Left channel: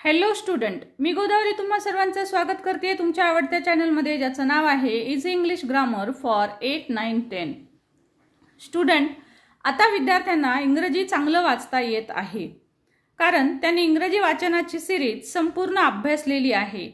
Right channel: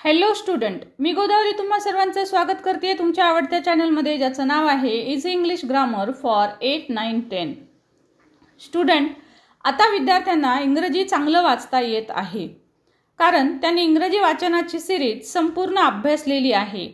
Hello student, मी गोदावरी तुम्हा सर्वांचं स्वागत करते तुमच्या आवडत्या चॅनलमध्ये, ज्याचं नाव आहे easy English grammar for 8, 9, 10. Student, आता विद्यार्थ्यांना इंग्रजी चांगलं वाचता येत आहे, कारण त्यांनी इंग्रजी वाचनाची सिरीज संपूर्ण अभ्यासलेली आहे.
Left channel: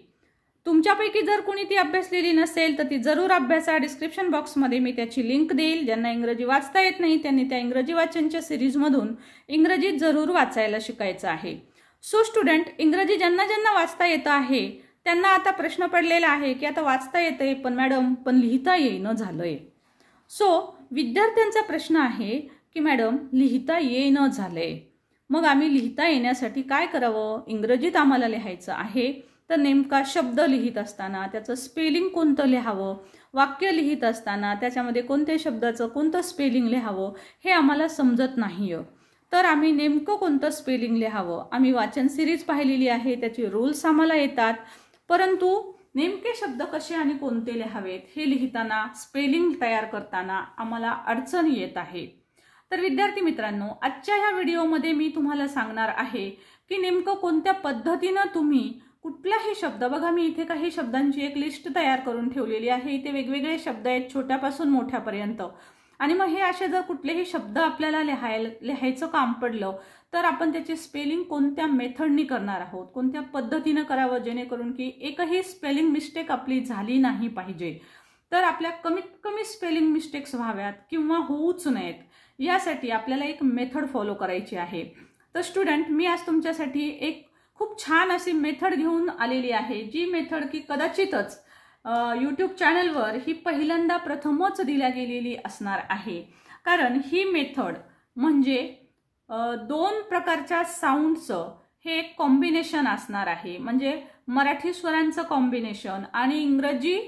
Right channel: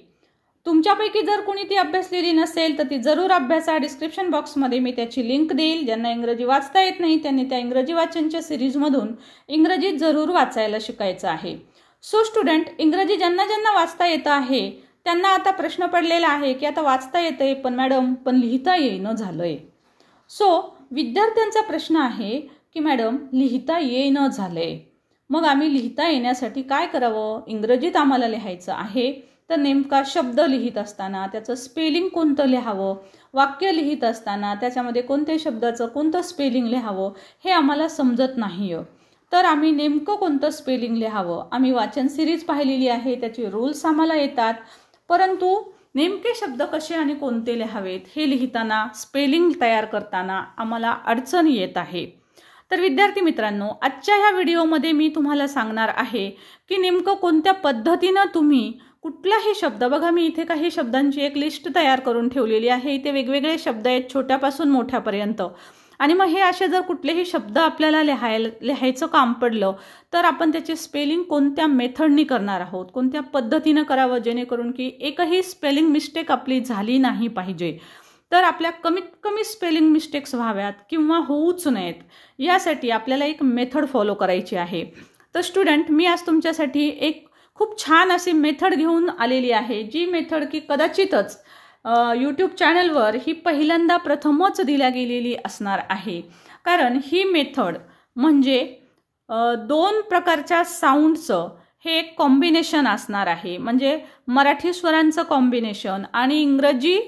तुमच्यापैकी जर कोणी ती अभ्यासलेली नसेल तर ती जरूर अभ्यासा. डिस्क्रिप्शन बॉक्समध्ये मी त्याची लिंक देईल. ज्यांना इंग्रजी वाचता येत नाही त्यांनी त्या इंग्रजी वाचनच्या सिरीजमधून इंग्रजी जरूर वाचायला शिकायचं आहे. सो स्टुडंट, इंग्रजी ज्यांना ज्यांना वाचता येतं आहे त्यांना आता प्रश्न पडलेला आहे की आता वाचता येतंय पण मॅडम लिहिता येईना झालंय. सो विद्यार्थ्यांचा प्रश्न आहे की मॅडम लिहिता येईना झालंय, मग आम्ही लिहिता येण्यासाठी काय करावं? इंग्रजीत आम्हाला लिहायचं आहे, तर नेमका शब्द लिहित असताना त्याचं स्पेलिंग कोणतं लिहावं, वाक्य लिहित असताना त्याच्यामध्ये कोणत्या शब्दाचं कोणतं स्पेलिंग लिहावं हे आम्हाला समजत नाही. तर आम्ही नेमकं कोणतं स्पेलिंग लिहावं? आम्ही वाचन सिरीज पाहिलेली आहे, त्याचे रूल्स आम्हाला येतात, परंतु नेमके शब्द कसे आणि कोणते लिहावेत हे लिहिताना, स्पेलिंग तयार करताना आम्हाला अडचण येत आहे. तर विद्यार्थी मित्रांनो, आजच्या ह्या व्हिडिओमध्ये मी तुम्हाला सांगणार आहे की नेमकं कोणत्या पद्धतीनं तुम्ही कुठलाही शब्द, बघा मी इथे काही शब्दांची एक लिस्ट तयार करून ठेवलेली आहे. इथे वेगवेगळे शब्द आहेत छोट्यापासून मोठ्यापर्यंत, आणि मग हे असे जर कुठलेही शब्द आपल्याला लिहायचं काम पडलं तर आपण त्याचे स्पेलिंग कोणत्या मेथडनी करणार आहोत, कोणत्या पद्धतीनं करावं, जेणेकरून की एकही स्पेलिंग मिस्टेक आपली झाली नाही पाहिजे. तर आपल्या कमीत कमी स्पेलिंग मिस्टेक्स व्हाव्यात किंवा होऊच नयेत, यासाठी आपल्याला एक मेथड फॉलो करायची आहे. तर स्टुडंट, मी आज तुमच्यासाठी एक खूप छान अशी मेथड घेऊन आलेली आहे, जी मेथड की कदाचितच यूट्यूब चॅनलवर ही पहिल्यांदा प्रथमच दिल्या गेलेली असणार आहे. कारण ही मेथड म्हणजे दोन प्रकारच्या साऊंडचं हे एक कॉम्बिनेशन असणार आहे. म्हणजे मराठी स्वरांचं कॉम्बिनेशन आणि इंग्रजी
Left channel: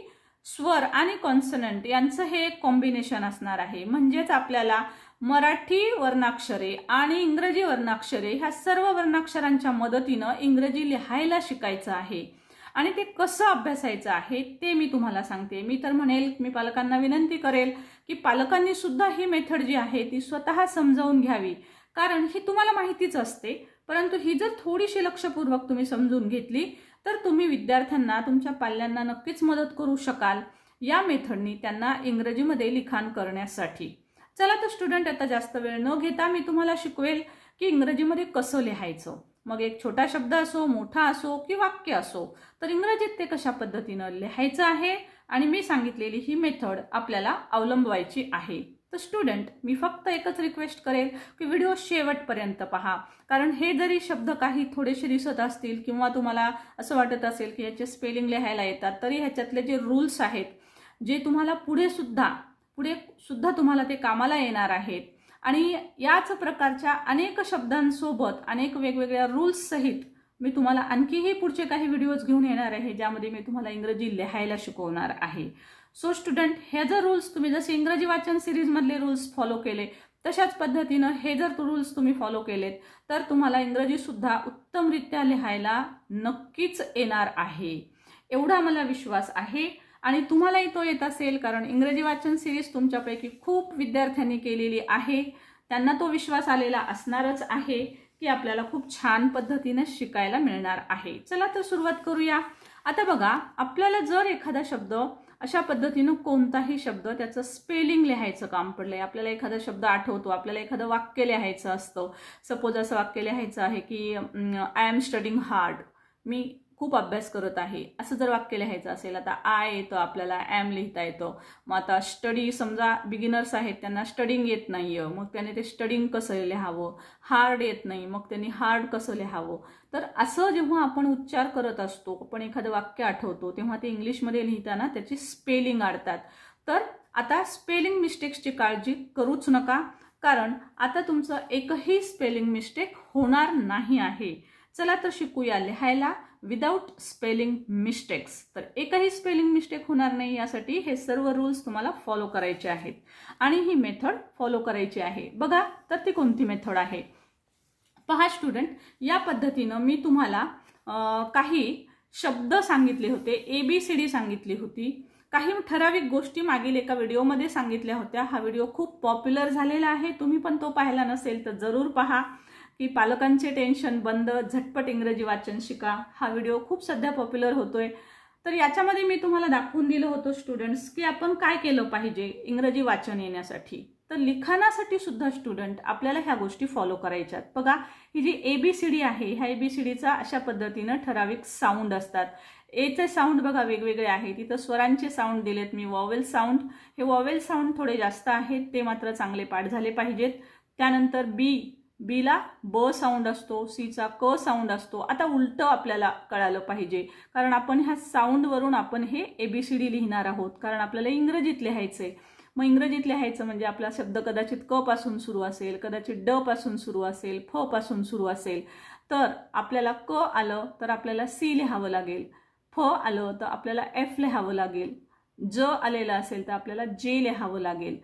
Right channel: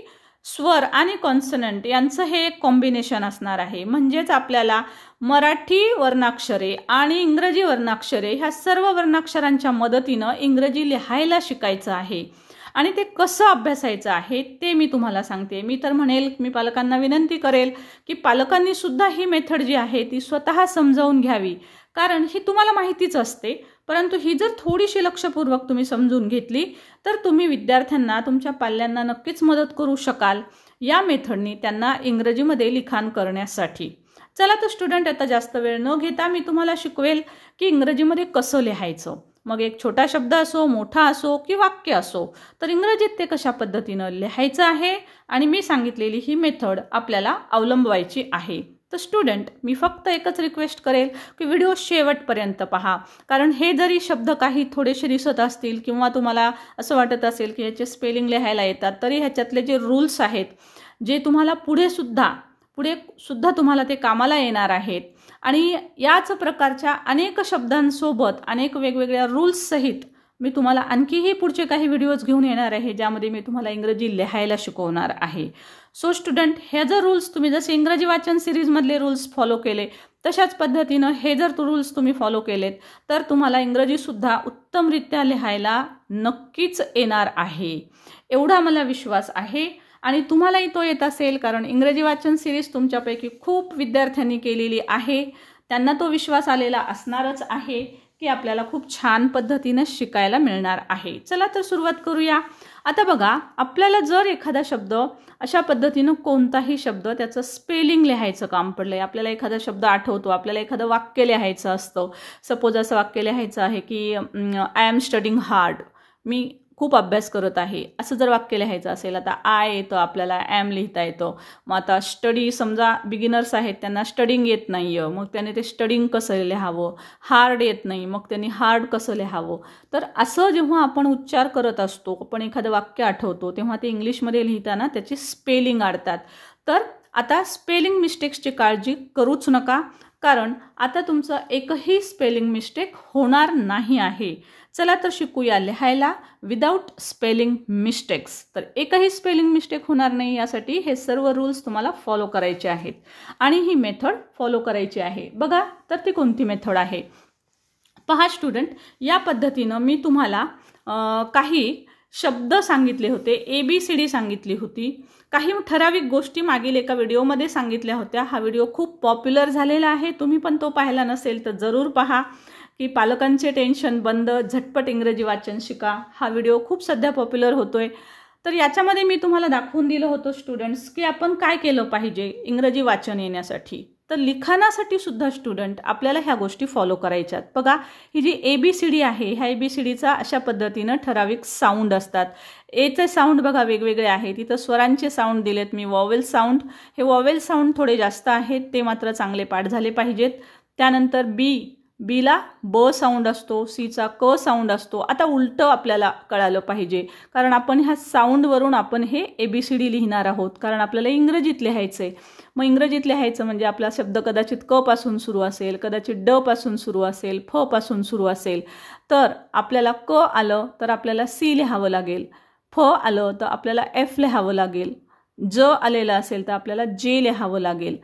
स्वर आणि कॉन्सनंट यांचं हे एक कॉम्बिनेशन असणार आहे. म्हणजेच आपल्याला मराठी वर्णाक्षरे आणि इंग्रजी वर्णाक्षरे ह्या सर्व वर्णाक्षरांच्या मदतीनं इंग्रजी लिहायला शिकायचं आहे. आणि ते कसं अभ्यासायचं आहे ते मी तुम्हाला सांगते. मी तर म्हणेल, मी पालकांना विनंती करेल की पालकांनी सुद्धा ही मेथड जी आहे ती स्वतः समजावून घ्यावी, कारण ही तुम्हाला माहितीच असते, परंतु ही जर थोडीशी लक्षपूर्वक तुम्ही समजून घेतली तर तुम्ही विद्यार्थ्यांना, तुमच्या पाल्यांना नक्कीच मदत करू शकाल या मेथडनी त्यांना इंग्रजीमध्ये लिखाण करण्यासाठी. चला तर स्टुडंट, आता जास्त वेळ न घेता मी तुम्हाला शिकवेल की इंग्रजीमध्ये कसं लिहायचं. मग एक छोटा शब्द असो, मोठा असो की वाक्य असो, तर इंग्रजीत ते कशा पद्धतीनं लिहायचं आहे आणि मी सांगितलेली ही मेथड आपल्याला अवलंबवायची आहे. तर स्टुडंट, मी फक्त एकच रिक्वेस्ट करेल की व्हिडिओ शेवटपर्यंत पहा, कारण हे जरी शब्द काही थोडेसे दिसत असतील किंवा तुम्हाला असं वाटत असेल की ह्याचे स्पेलिंग लिहायला येतात, तरी ह्याच्यातले जे रूल्स आहेत जे तुम्हाला पुढे सुद्धा तुम्हाला ते कामाला येणार आहेत. आणि याच प्रकारच्या अनेक शब्दांसोबत अनेक वेगवेगळ्या रूल्स सहित मी तुम्हाला आणखीही पुढचे काही व्हिडिओज घेऊन येणार आहे, ज्यामध्ये मी तुम्हाला इंग्रजी लिहायला शिकवणार आहे. सो स्टुडंट, हे जर रूल्स तुम्ही जसे इंग्रजी वाचन सिरीजमधले रूल्स फॉलो केले तशाच पद्धतीनं हे जर रूल्स तुम्ही फॉलो केलेत तर तुम्हाला इंग्रजीसुद्धा उत्तमरित्या लिहायला नक्कीच येणार आहे, एवढा मला विश्वास आहे. आणि तुम्हालाही तो येत असेल, कारण इंग्रजी वाचन सिरीज तुमच्यापैकी खूप विद्यार्थ्यांनी केलेली आहे. त्यांना तो विश्वास आलेला असणारच आहे की आपल्याला खूप छान पद्धतीनं शिकायला मिळणार आहे. चला तर सुरुवात करूया. आता बघा, आपल्याला जर एखादा शब्द अशा पद्धतीनं, कोणताही शब्द त्याचं स्पेलिंग लिहायचं काम पडलंय, आपल्याला एखादा शब्द आठवतो, आपल्याला एखादं वाक्य लिहायचं असतं. सपोज असं वाक्य लिहायचं आहे की आय एम स्टडिंग हार्ड, मी खूप अभ्यास करत आहे, असं जर वाक्य लिहायचं असेल. आता आय येतं, आपल्याला ॲम लिहिता येतं. मग आता स्टडी, समजा बिगिनर्स आहेत त्यांना स्टडिंग येत नाही आहे, मग त्याने ते स्टडिंग कसं लिहावं. हार्ड येत नाही, मग त्यांनी हार्ड कसं लिहावं. तर असं जेव्हा आपण उच्चार करत असतो, आपण एखादं वाक्य आठवतो, तेव्हा ते इंग्लिशमध्ये लिहिताना त्याची स्पेलिंग आडतात. तर आता स्पेलिंग मिस्टेक्सची काळजी करूच नका, कारण आता तुमचं एकही स्पेलिंग मिस्टेक होणार नाही आहे. चला तर शिकूया लिहायला विदाउट स्पेलिंग मिस्टेक्स. तर एकही स्पेलिंग मिस्टेक होणार नाही यासाठी हे सर्व रूल्स तुम्हाला फॉलो करायचे आहेत आणि ही मेथड फॉलो करायची आहे. बघा तर ती कोणती मेथड आहे. पहा स्टुडंट, या पद्धतीनं मी तुम्हाला काही शब्द सांगितले होते, ABCD सांगितली होती, काही ठराविक गोष्टी मागील एका व्हिडिओमध्ये सांगितल्या होत्या. हा व्हिडिओ खूप पॉप्युलर झालेला आहे, तुम्ही पण तो पाहिला नसेल तर जरूर पहा. की पालकांचे टेन्शन बंद, झटपट इंग्रजी वाचन शिका. हा व्हिडिओ खूप सध्या पॉप्युलर होतोय. तर याच्यामध्ये मी तुम्हाला दाखवून दिलं होतं स्टुडंट्स की आपण काय केलं पाहिजे इंग्रजी वाचन येण्यासाठी. तर लिखाणासाठी सुद्धा स्टुडंट आपल्याला ह्या गोष्टी फॉलो करायच्यात. बघा, ही जी ABCD आहे, ह्या ABCDचा अशा पद्धतीनं ठराविक साऊंड असतात. एचे साऊंड बघा वेगवेगळे आहेत. इथं स्वरांचे साऊंड दिलेत मी, वॉवेल साऊंड. हे वॉवेल साऊंड थोडे जास्त आहेत, ते मात्र चांगले पाठ झाले पाहिजेत. त्यानंतर बीला ब साऊंड असतो, सीचा क साऊंड असतो. आता उलटं आपल्याला कळालं पाहिजे, कारण आपण ह्या साऊंडवरून आपण हे ABCD लिहिणार आहोत, कारण आपल्याला इंग्रजीत लिहायचं आहे. मग इंग्रजीत लिहायचं म्हणजे आपला शब्द कदाचित क पासून सुरू असेल, कदाचित ड पासून सुरू असेल, फ पासून सुरू असेल. तर आपल्याला क आलं तर आपल्याला C लिहावं लागेल, फ आलं तर आपल्याला F लिहावं लागेल, ज आलेलं असेल तर आपल्याला J लिहावं लागेल,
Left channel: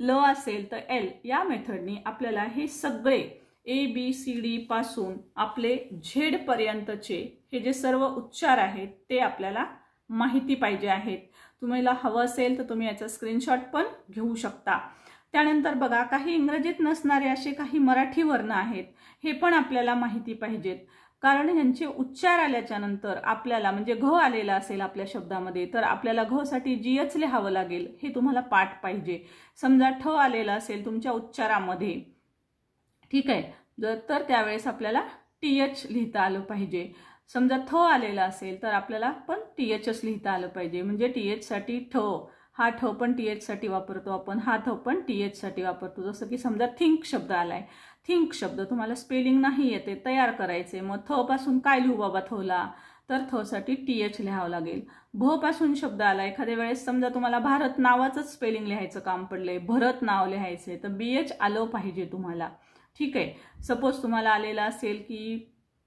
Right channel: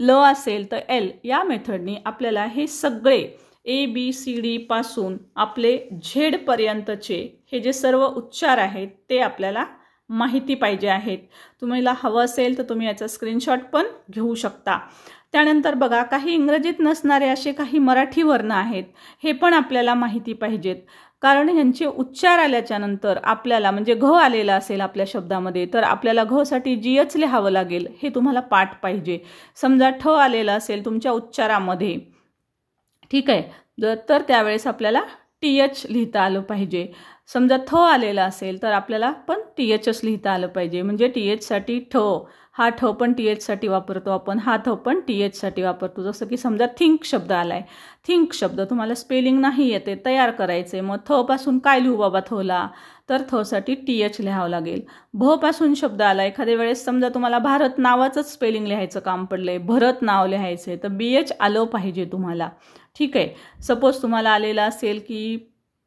ल असेल तर L. या मेथडनी आपल्याला हे सगळे ABCD पासून आपले झेड पर्यंतचे हे जे सर्व उच्चार आहेत ते आपल्याला माहिती पाहिजे आहेत. तुम्हाला हवं असेल तर तुम्ही याचा स्क्रीनशॉट पण घेऊ शकता. त्यानंतर बघा, काही इंग्रजीत नसणारे असे काही मराठी वर्ण आहेत, हे पण आपल्याला माहिती पाहिजेत. कारण ह्यांचे उच्चार आल्याच्या नंतर आपल्याला म्हणजे घ आलेला असेल आपल्या शब्दामध्ये तर आपल्याला घ साठी GH लिहावं लागेल, हे तुम्हाला पाठ पाहिजे. समजा ठ आलेला असेल तुमच्या उच्चारामध्ये, ठीक आहे, तर त्यावेळेस आपल्याला TH लिहिता आलं पाहिजे. समजा थ आलेला असेल तर आपल्याला पण THच लिहिता आलं पाहिजे. म्हणजे TH साठी ठ, हा ठ पण TH साठी वापरतो आपण, हा थ पण TH साठी वापरतो. जसं की समजा थिंक शब्द आलाय, थिंक शब्द तुम्हाला स्पेलिंग नाही येते, तयार करायचे. मग थ पासून काय लिहू बाबा थला, तर थ साठी TH लिहावं लागेल. भ पासून शब्द आला, एखाद्या वेळेस समजा तुम्हाला भारत नावाचंच स्पेलिंग लिहायचं काम पडलंय, भरत नाव लिहायचंय, तर BH आलं पाहिजे तुम्हाला. ठीक आहे. सपोज तुम्हाला आलेला असेल की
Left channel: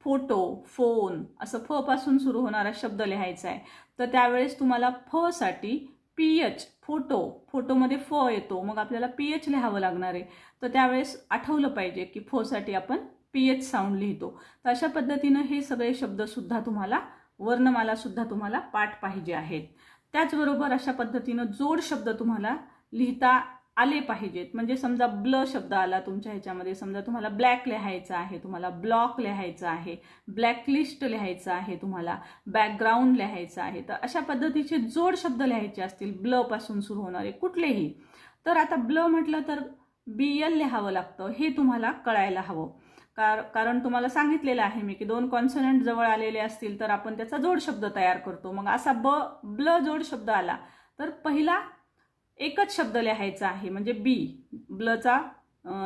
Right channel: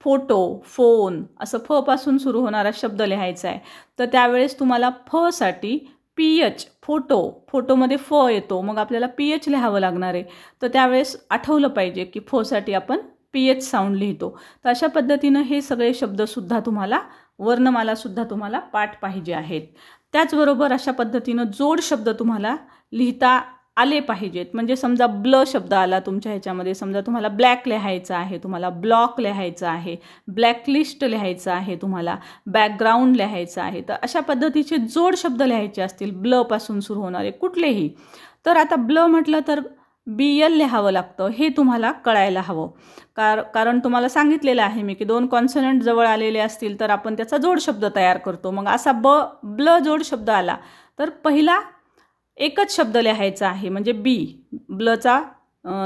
फोटो, फोन, असं फ पासून सुरू होणारा शब्द लिहायचा आहे, तर त्यावेळेस तुम्हाला फ साठी PH, फोटोमध्ये फ येतो, मग आपल्याला PH लिहावं लागणार आहे. तर त्यावेळेस आठवलं पाहिजे की फ साठी आपण PH साऊंड लिहितो. तर अशा पद्धतीनं हे सगळे शब्दसुद्धा तुम्हाला, वर्णमालासुद्धा तुम्हाला पाठ पाहिजे आहेत. त्याचबरोबर अशा पद्धतीनं जोड शब्द तुम्हाला लिहिता आले पाहिजेत. म्हणजे समजा ब्ल शब्द आला तुमच्या ह्याच्यामध्ये, समजा तुम्हाला ब्लॅक लिहायचं आहे, तुम्हाला ब्लॉक लिहायचं आहे, ब्लॅकलिस्ट लिहायचं आहे, तुम्हाला बॅकग्राऊंड लिहायचं आहे, तर अशा पद्धतीचे जोड शब्द लिहायचे असतील ब्ल पासून सुरू होणारे कुठलेही, तर आता ब्ल म्हटलं तर BL लिहावं लागतं, हे तुम्हाला कळायला हवं. कारण तुम्हाला सांगितलेलं आहे मी की दोन कॉन्सनंट जवळ आलेले असतील तर आपण त्याचा जोड शब्द तयार करतो. मग असा ब्ल जोड शब्द आला तर पहिला एकच शब्द लिहायचा आहे, म्हणजे ब्लचा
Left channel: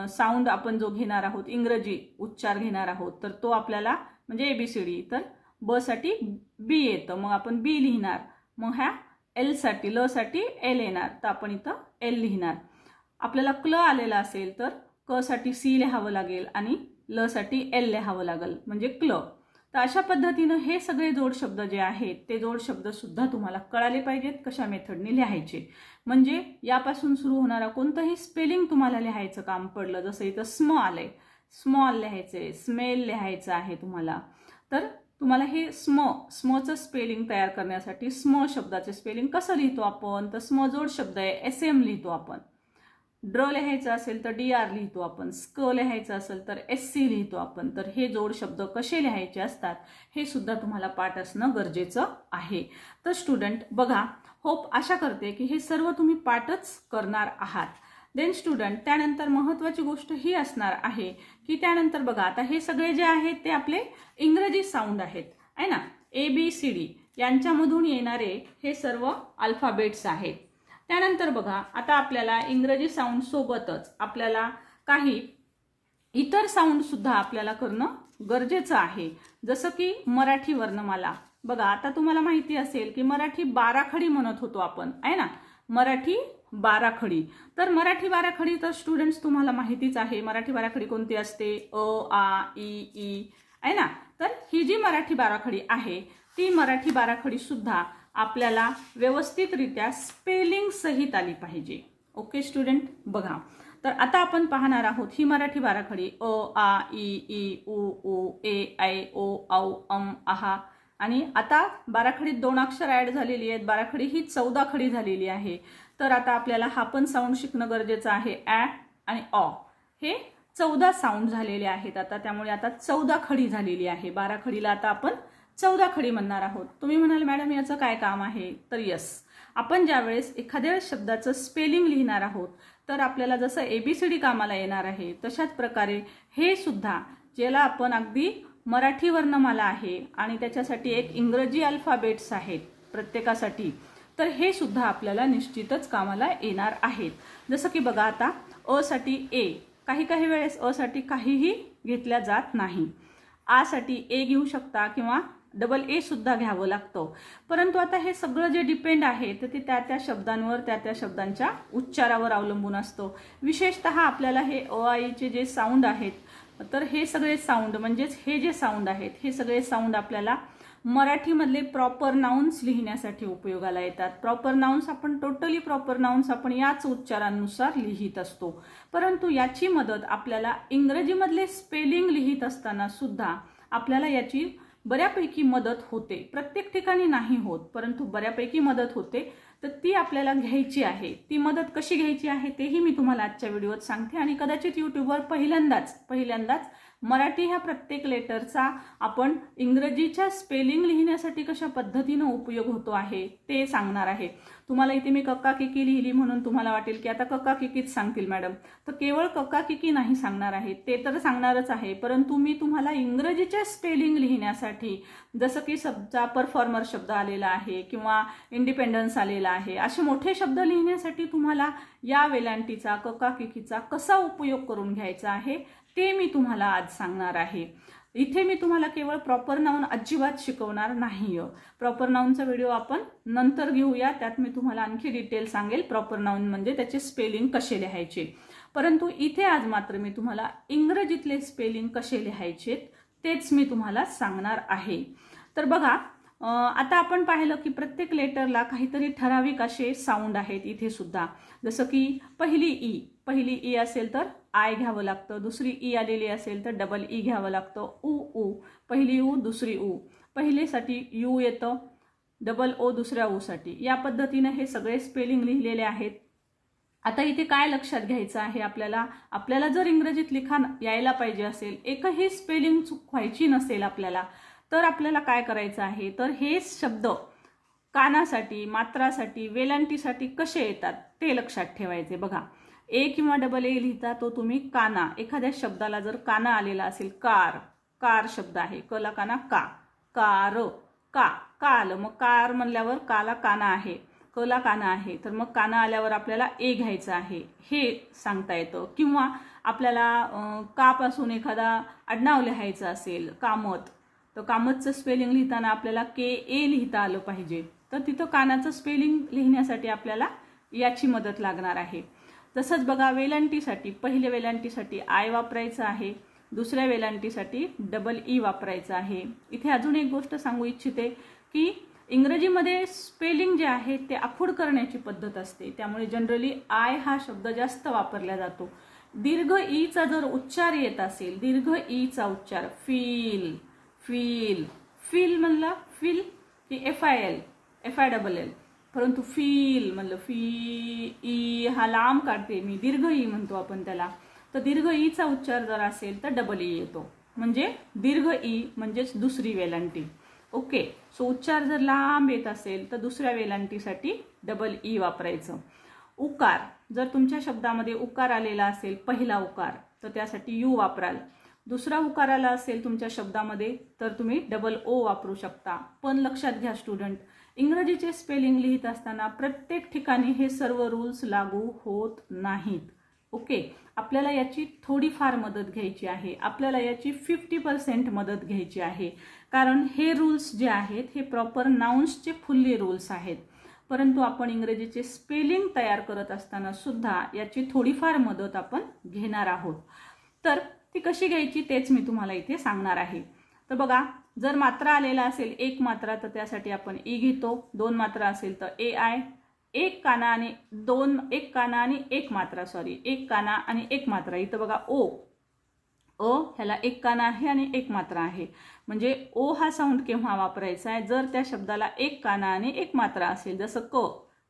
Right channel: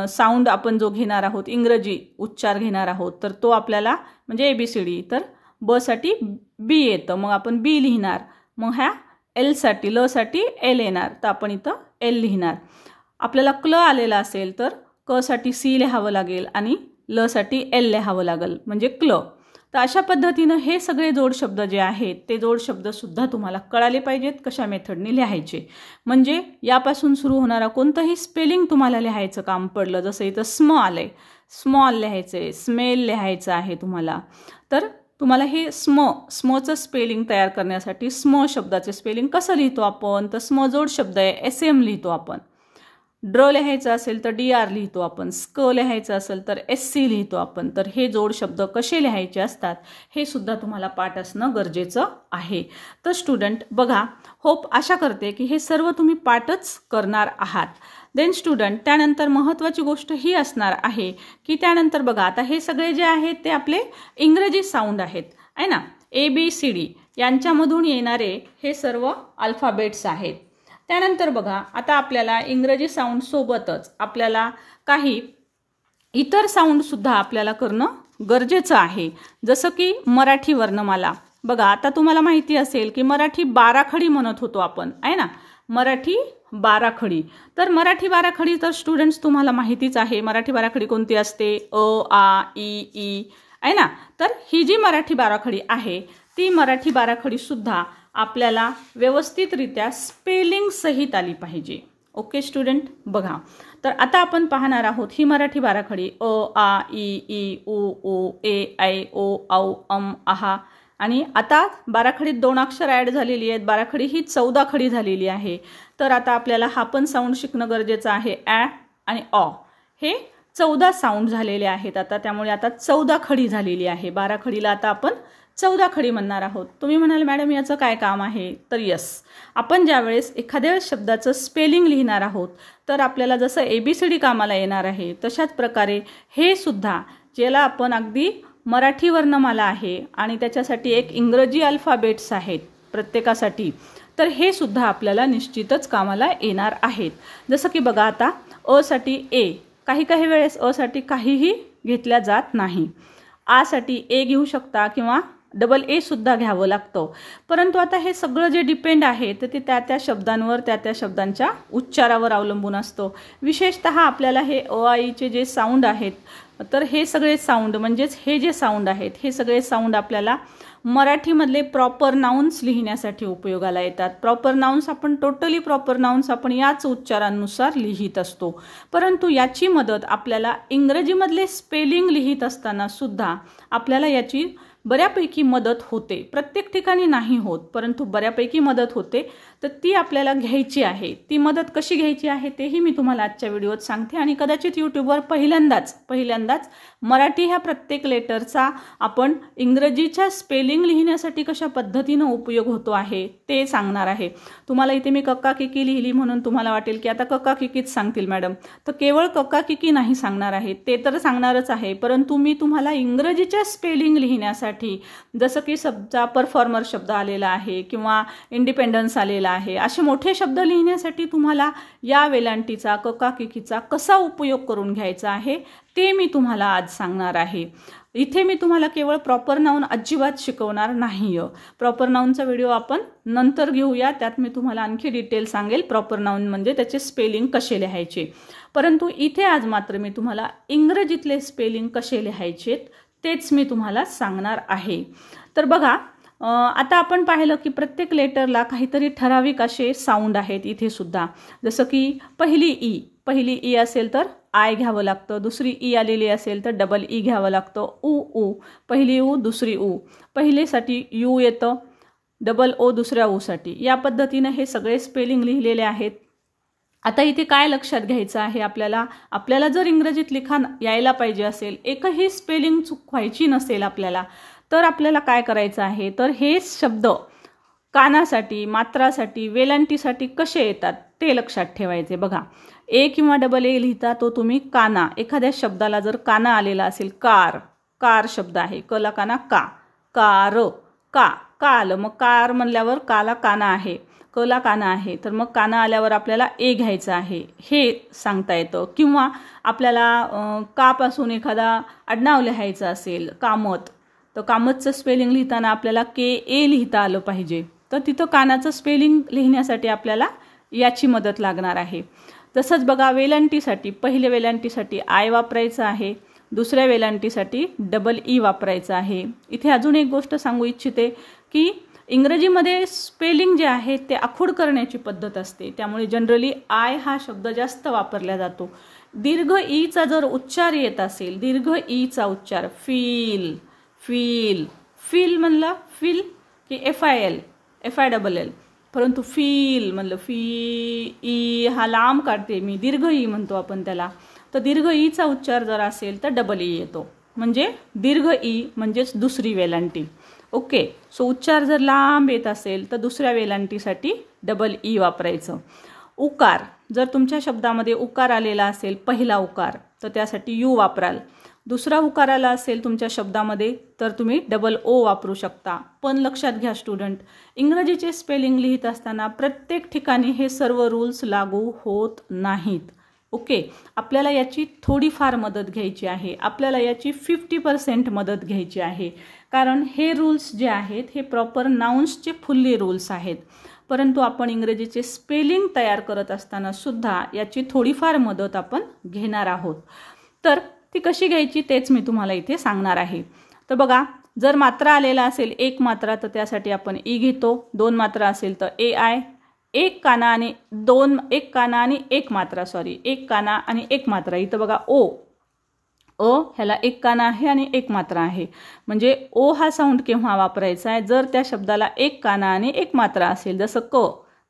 साऊंड आपण जो घेणार आहोत, इंग्रजी उच्चार घेणार आहोत, तर तो आपल्याला म्हणजे ABCD, तर ब साठी B येतं, मग आपण B लिहिणार. मग ह्या L साठी, ल साठी L येणार, तर आपण इथं L लिहिणार. आपल्याला क्ल आलेला असेल तर क साठी C लिहावं लागेल आणि ल साठी L लिहावं लागेल, म्हणजे क्ल. तर अशा पद्धतीनं हे सगळे जोड शब्द जे आहेत ते जोड शब्दसुद्धा तुम्हाला कळाले पाहिजेत कशा मेथडने लिहायचे. म्हणजे यापासून सुरू होणारा कोणतंही स्पेलिंग तुम्हाला लिहायचं काम पडलं, जसं इथं स्म आलंय, स्मॉल लिहायचं, स्मेल लिहायचं आहे तुम्हाला, तर तुम्हाला हे स्मचं स्पेलिंग तयार करण्यासाठी स्म शब्दाचे स्पेलिंग कसं लिहितो आपण, तर स्म जोड शब्द आहे, SM लिहितो आपण. ड्र लिहायचं असेल तर DR लिहितो आपण, स्क लिहायचं असेल तर SC लिहितो आपण. तर हे जोड शब्द कसे लिहायचे असतात हे सुद्धा तुम्हाला पाठ असणं गरजेचं आहे. तर स्टुडंट बघा, होप आशा करते की हे सर्व तुम्ही पाठच करणार आहात. देन स्टुडंट त्यानंतर महत्त्वाची गोष्ट ही असणार आहे की त्यानंतर बघा, आता हे सगळे जे आहेत ते आपले इंग्रजी साऊंड आहेत, आहे ना, ABCD यांच्यामधून येणारे हे सर्व अल्फाबेट्स आहेत. त्यानंतर बघा, आता आपल्याला इंग्रजी साऊंड सोबतच आपल्याला काही इतर साऊंडसुद्धा आपल्याला करणं गरजेचं आहे. जसं की मराठी वर्णमाला. बघा, आता तुम्हाला माहिती असेल की मराठी बाराखडी म्हणत होतो आपण, आहे ना, मराठी बाराखडी. तर मराठी बाराखडी तर स्टुडंट्स तुम्हाला माहितीच आहे. मराठी बाराखडी कोणती असते, अ, आ, ई, आहे ना. तर ही जी मराठी बाराखडी आहे ती मराठी बाराखडी सुद्धा आपल्याला व्यवस्थितरित्या स्पेलिंग सहित आली पाहिजे. ओके स्टुडंट, बघा, तर आता आपण पाहणार आहोत ही मराठी बाराखडी अ, आ, ई, उ, ए, ऐ, ओ, औ, आहा. आणि आता बाराखडीत 2 अक्षर ॲड झालेली आहेत. बाराखडी ही 14 खडी झालेली आहे. तर आता आपल्याला हा पण साऊंड शिकणं गरजेचं आहे. ॲ आणि ऑ. हे 14 साऊंड झालेले आहेत आता, त्यामुळे आता 14 खडी झालेली आहे. 12 खडीला आता आपण 14 खडी म्हणणार आहोत. तुम्ही म्हणाल मॅडम याचं काय काम आहे? तर यस, आपण ज्यावेळेस एखाद्या शब्दाचं स्पेलिंग लिहिणार आहोत तर आपल्याला जसं ABCD कामाला येणार आहे तशाच प्रकारे हे सुद्धा, ज्याला आपण अगदी मराठी वर्णमाला आहे आणि त्याच्यासाठी एक इंग्रजी अल्फाबेट्स आहेत प्रत्येकासाठी, तर हे सुद्धा आपल्याला निश्चितच कामाला येणार आहेत. जसं की बघा आता अ साठी ए, काही वेळेस अ साठी काहीही घेतल्या जात नाही. आ साठी ए घेऊ शकता किंवा डबल ए सुद्धा घ्यावं लागतं. परंतु आता हे सगळं जे डिपेंड आहे तर ते त्या शब्दांवर, त्या शब्दांच्या उच्चारावर अवलंबून असतं. विशेषतः आपल्याला हे अ आईचे जे साऊंड आहेत, तर हे सगळे साऊंड म्हणजेच हे जे साऊंड आहेत हे सगळे साऊंड आपल्याला मराठीमधले प्रॉपर नाउन्स लिहिण्यासाठी उपयोगाला येतात. प्रॉपर नाउन्स आपण टोटली प्रॉपर नाउन्स आपण याच उच्चारांनुसार लिहित असतो. परंतु याची मदत आपल्याला इंग्रजीमधले स्पेलिंग लिहित असताना सुद्धा आपल्याला याची बऱ्यापैकी मदत होते. प्रत्येक ठिकाणी नाही होत, परंतु बऱ्यापैकी मदत होते. तर ती आपल्याला घ्यायची आहे. ती मदत कशी घ्यायची आहे तेही मी तुम्हाला आजच्या व्हिडिओत सांगते. आणि कदाचित यूट्यूबवर पहिल्यांदाच मराठी ह्या प्रत्येक लेटरचा आपण इंग्रजीच्या स्पेलिंग लिहिण्यासाठी कशा पद्धतीनं उपयोग होतो आहे ते सांगणार आहे. तुम्हाला इथे मी कक्का किकी लिहिली म्हणून तुम्हाला वाटेल की आता कक्का किकीच सांगतील मॅडम, तर केवळ कक्का किकी नाही सांगणार आहे, ते तर सांगणारच आहे. परंतु मी तुम्हाला इंग्रजीच्या स्पेलिंग लिहिण्यासाठी, जसं की समजा परफॉर्मर शब्द आलेला आहे किंवा इंडिपेंडन्स आलेला आहे, असे मोठे शब्द लिहिण्यासाठी तुम्हाला या वेलांटीचा, कक्का किकीचा कसा उपयोग करून घ्यायचा आहे ते मी तुम्हाला आज सांगणार आहे. इथे मी तुम्हाला केवळ प्रॉपर नाउन अजिबात शिकवणार नाही. प्रॉपर नाउनचा व्हिडिओ आपण नंतर घेऊया, त्यात मी तुम्हाला आणखी डिटेल सांगेल प्रॉपर नाउन म्हणजे त्याचे स्पेलिंग कसे लिहायचे. परंतु इथे आज मात्र मी तुम्हाला इंग्रजीतले स्पेलिंग कसे लिहायचे तेच मी तुम्हाला सांगणार आहे. तर बघा, आता आपण पाहिलं की प्रत्येक लेटरला काहीतरी ठराविक असे साऊंड आहेत इथे सुद्धा. जसं की पहिली ई असेल तर आय घ्यावं लागतं, दुसरी ई आलेली असेल तर डबल ई घ्यावं लागतं. ऊ, पहिली ऊ दुसरी ऊ, पहिलेसाठी यू येतं, डबल ओ दुसऱ्या ऊसाठी. या पद्धतीनं हे सगळे स्पेलिंग लिहिलेले आहेत. आता इथे काय लक्षात घ्यायचं आहे आपल्याला जर इंग्रजीत लिखाण यायला पाहिजे असेल, एकही स्पेलिंग चुकवायची नसेल आपल्याला, तर आपल्याला काय करायचं आहे, तर हे शब्द कानासाठी, मात्रासाठी, वेलांटीसाठी कसे येतात ते लक्षात ठेवायचे. बघा, ए किंवा डबल ए लिहिता तो तुम्ही काना. एखाद्या शब्दाला जर काना आलेला असेल, कार शब्द आहे, कला काना का, कार, का आलं, मग कार म्हणल्यावर काला काना आहे, कला काना आहे, तर मग काना आल्यावर आपल्याला ए घ्यायचं आहे हे सांगता येतं. किंवा आपल्याला कापासून एखादा आडनाव लिहायचं असेल, कामत, तर कामतचं स्पेलिंग लिहिताना आपल्याला KA लिहिता आलं पाहिजे. तर तिथं कानाचं स्पेलिंग लिहिण्यासाठी आपल्याला याची मदत लागणार आहे. तसंच बघा, वेलांटीसाठी पहिल्या वेलांटीसाठी आय वापरायचं आहे, दुसऱ्या वेलांटीसाठी डबल ई वापरायचं आहे. इथे अजून एक गोष्ट सांगू इच्छिते की इंग्रजीमध्ये स्पेलिंग जे आहे ते आखूड करण्याची पद्धत असते, त्यामुळे जनरली आय हा शब्द जास्त वापरला जातो. दीर्घ ईचा जर उच्चार येत असेल, दीर्घ ईचा उच्चार फील म्हणलं फील की FIL, परंतु फील म्हणलं ई हा लांब काढते मी, दीर्घ ई म्हणतो आपण त्याला. तर दीर्घ ईचा उच्चार जर असेल तर डबल ई येतो, म्हणजे दीर्घ ई म्हणजेच दुसरी वेलांटी. ओके, सो उच्चार जर लांब येत असेल तर दुसऱ्या वेलांटीसाठी डबल ई वापरायचं. उकार, जर तुमच्या शब्दामध्ये उकार आलेला असेल, पहिला उकार, तर त्यासाठी यू वापराल. दुसरा उकार आला असेल तुमच्या शब्दामध्ये तर तुम्ही डबल ओ वापरू शकता. पण लक्षात घ्या स्टुडंट, इंग्रजीचे स्पेलिंग लिहित असताना प्रत्येक ठिकाणी हे सर्व रूल्स लागू होत नाहीत. ओके, आपल्याला याची थोडीफार मदत घ्यायची आहे, आपल्याला याची 50% मदत घ्यायची आहे. कारण हे रूल्स जे आहेत हे प्रॉपर नाउन्सचे फुल्ली रूल्स आहेत. परंतु आपण इंग्रजीचे स्पेलिंग तयार करत असताना सुद्धा याची थोडीफार मदत आपण घेणार आहोत. तर ती कशी घ्यायची तेच मी तुम्हाला इथे सांगणार आहे. तर बघा, जर मात्रा आलेला असेल एक मात्रा तर त्यासाठी आपण ई घेतो, 2 मात्रा असेल तर AI, एक काना आणि एक मात्रा. इथं बघा ह्याला एक काना आहे आणि एक मात्रा आहे, म्हणजे ओ हा साऊंड केव्हा वापरायचा आहे, जर त्या शब्दाला एक काना आणि एक मात्रा असेल. जसं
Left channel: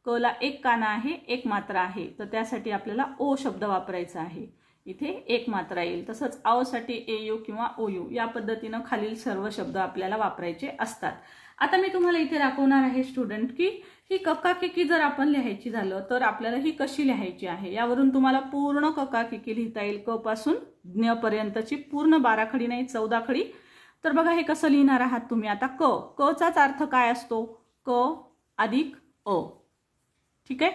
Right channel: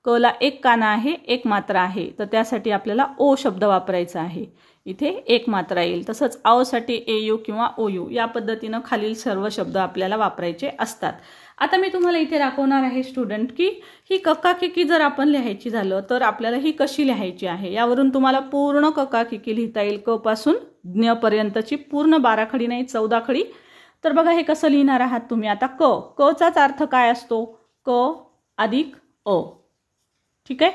कला एक काना आहे एक मात्रा आहे, तर त्यासाठी आपल्याला ओ शब्द वापरायचा आहे. इथे एक मात्रा येईल. तसंच आसाठी AU किंवा OU या पद्धतीनं खालील सर्व शब्द आपल्याला वापरायचे असतात. आता मी तुम्हाला इथे दाखवणार आहे स्टुडंट की ही कक्काकिकी जर आपण लिहायची झालं तर आपल्याला ही कशी लिहायची आहे. यावरून तुम्हाला पूर्ण कक्काकिकी लिहिता येईल. क पासून ज्ञ पर्यंतची पूर्ण 12 खडी नाही 14 खडी. तर बघा हे कसं लिहिणार आहात तुम्ही. आता क चाच अर्थ काय असतो. क अधिक अ. ठीक आहे.